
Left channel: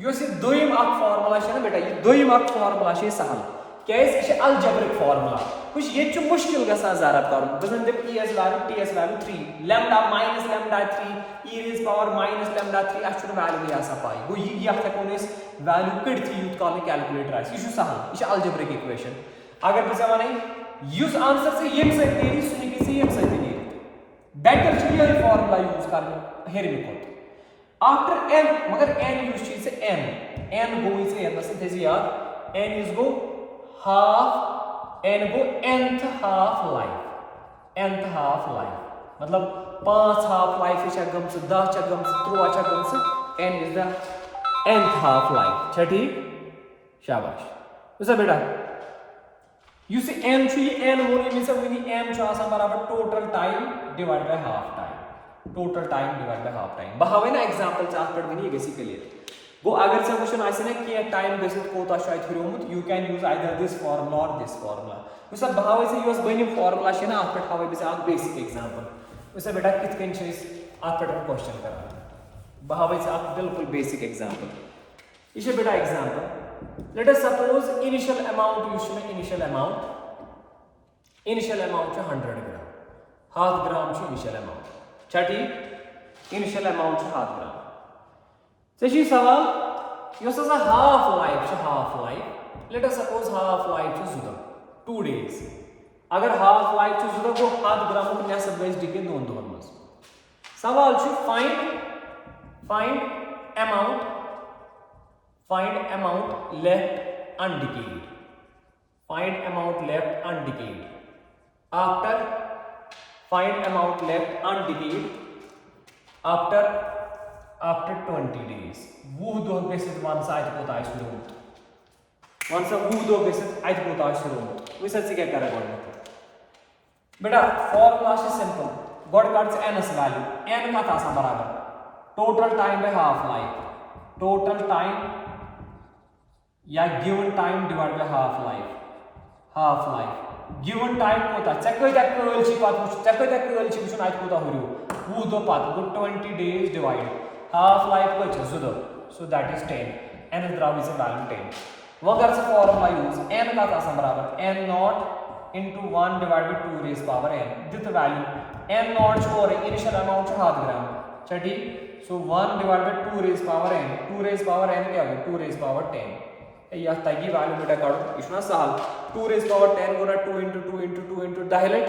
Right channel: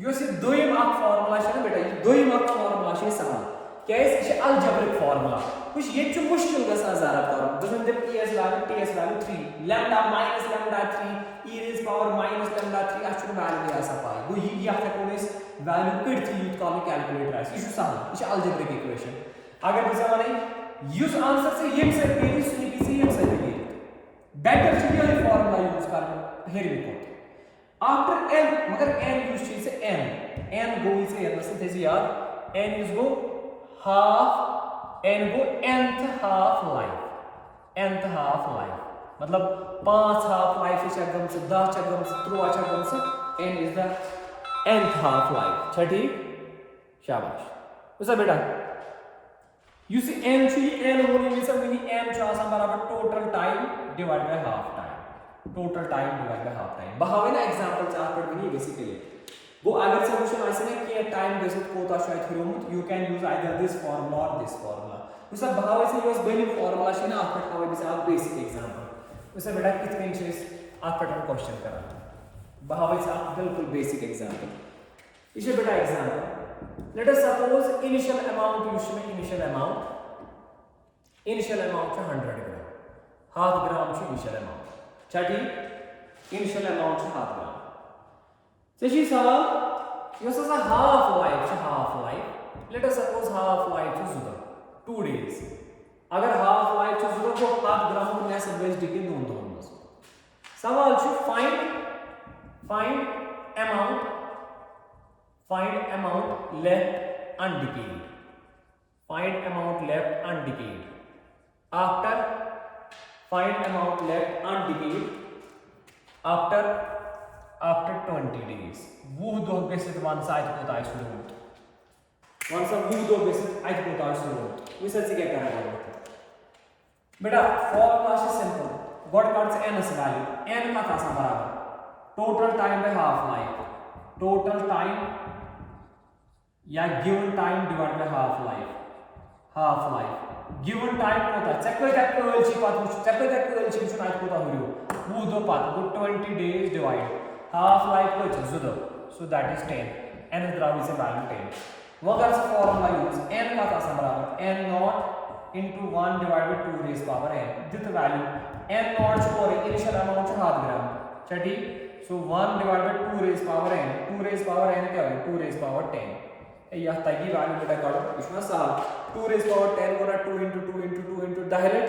यो से दोयम अक फॉर्मूला छे ना बेटा ये दोयम अक फॉर्मूला छे सहल कैसे ये अलजेब्रिक फार्मूला कुछ ये जो मुश्किल गसा जरा कर बजन जब es value ts value 3 lambda minus lambda 3 e raised power minus lambda 3 अच्छु वैल्यू या सा पाई वो ये या तक कोनेस वैल्यू कट थी यूज कॉल कैलकुलेटर है ये सहल ये अलजेब्रिक इक्वेशन अगर भी जमाने यूज आंसर से ये से तेरी सुनी किसी ये से तेरी बेटर चाहिए ये फार्मूला यूज कर हेर में को आफ्टर n मगर n यूज चीज से n गो इसे या सिंथेसिस यार n is go half n go nth half life मतलब 5 हाफ लाइफ से गम से 10 च गम से 3 च गम से n is the nth half life छ ठीक शाबाश उसे बेटा यू सी n थी n होने में सब भी m छ आसान बराबर total time divide by half time total time divide by half time बहावे ना एग्जांपल से आफ्टर भी बेसिकली वो अगर सॉल्यूशन आसे ना कि टाइम गसित कोता शायद हुरमुत you can use either this formula और दिस फार्मूला उस बहावे से यूज बनी फार्मूला छे ना आफ्टर हावे बिस आप बेसिक एग्जांपल उस बेटा कित कन छे आफ्टर क्वेश्चन करा बहावे से आप बिल्कुल बेसिक एग्जांपल इसे बेटा example let us suppose initial amount use में इनिशियल अमाउंट छे 100 ग्राम हाफ ग्राम छे इनिशियल अमाउंट छ ठीक इनिशियल अमाउंट छे हाफ ग्राम चे सवाल yes half life let us suppose half life 2 days अगर हाफ लाइफ गो 7 ग्राम नेसफ गई डिके 2 दोहन मज सवाल find amount left undecayed after find amount left undecayed after 20 days वो दो गसित वन सा कोता रोत वन सा वो दो गसित कोता रोत वह क्या कर बेटा फॉर्मूला सिंपल गोड कार्ड्स n वैल्यू n कत बराबर total time by half life total time या given time divide by half life given time कोता चे कत कल छी पत वुच चे कत कल छी वुचन अत कोता हुरियो वो दो पत गो 20 days डिवाइड हाफ लाइफ कत 2 दो सो दैट इज 10 n द्राव इज वैल्यू 10 वो कर से फॉर्मूला यूज n कत बराबर n naught into 1 divided by 2 raised power n दित वैल्यू n नॉट स्कोर इनिशियल अमाउंट 7 ग्राम चटी so 1 divided by 2 raised power n 2 raised power n क्या हो 2 raised power 10 या तगी वैल्यू बेटा काढो इसना सहल 2 raised power 10 गुना 2 into 2 into 2 into डायलेट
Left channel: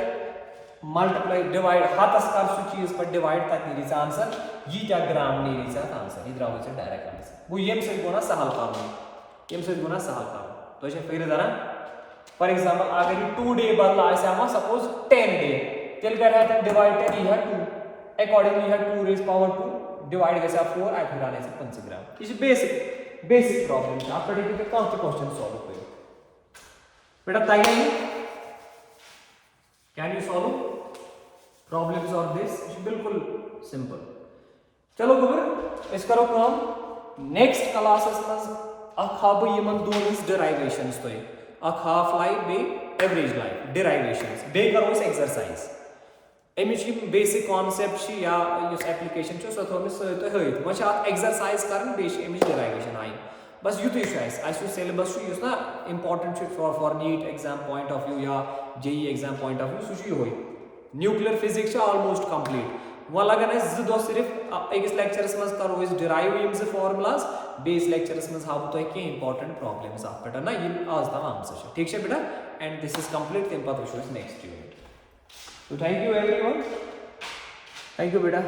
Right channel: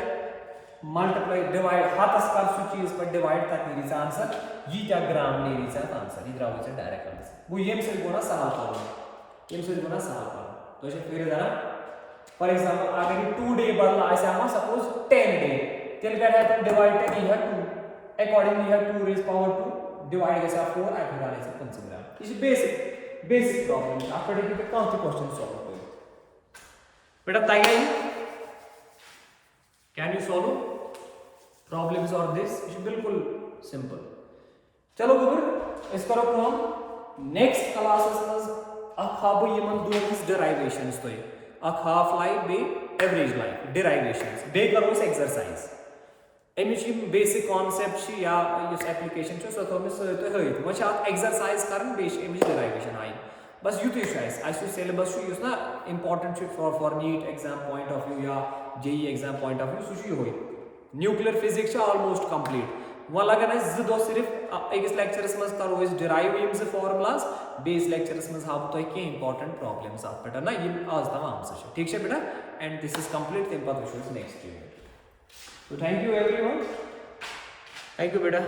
मल्टीप्लाई डिवाइड हाथस कर सु चीज पर डिवाइड तक नीरी आंसर ये क्या ग्राम नीरी सा आंसर इधर आओ से डायरेक्ट आंसर वो येम से गुना सहल पाओ येम से गुना सहल पाओ तो इसे फिर जरा फॉर एग्जांपल अगर ये 2 डे बदला ऐसे हम सपोज 10 डे तेल कर है डिवाइड 10 ये 2 अकॉर्डिंगली ये 2 रेज पावर 2 डिवाइड कैसे 4 आई फिर आने से 5 ग्राम इस बेसिक प्रॉब्लम आप देखिए कौन सा क्वेश्चन सॉल्व करें बेटा तैयारी can you solve problems of this बिल्कुल सिंपल चलो गुबर इस करो काम नेक्स्ट क्लासेस में अखाब यमन दोन डेरिवेशंस तो हाफ लाइफ बे एवरेज लाइफ डेरिवेशंस बे करो इस एक्सरसाइज अमिच बेसिक कॉन्सेप्ट या एप्लिकेशन सो थोमिस हयत वो एक्सरसाइज करन बे अमिच डेरिवेशन आई बस युत सिलेबस ना important for NEET exam point of view या JEE exam point of view so nuclear physics almost complete वो लगन दो सिर्फ अकिस लेक्चरस मज करो डिराइव यम फॉर्मुलाज बेस लेक्चरस मज हाव तुम कह इंपॉर्टेंट प्रॉब्लम्स अत पे ना आज तम आम ठीक है बेटा एंड दिस इज कंप्लीट तम पे वो नेक्स्ट यूनिट तो thank you everyone thank you बेटा।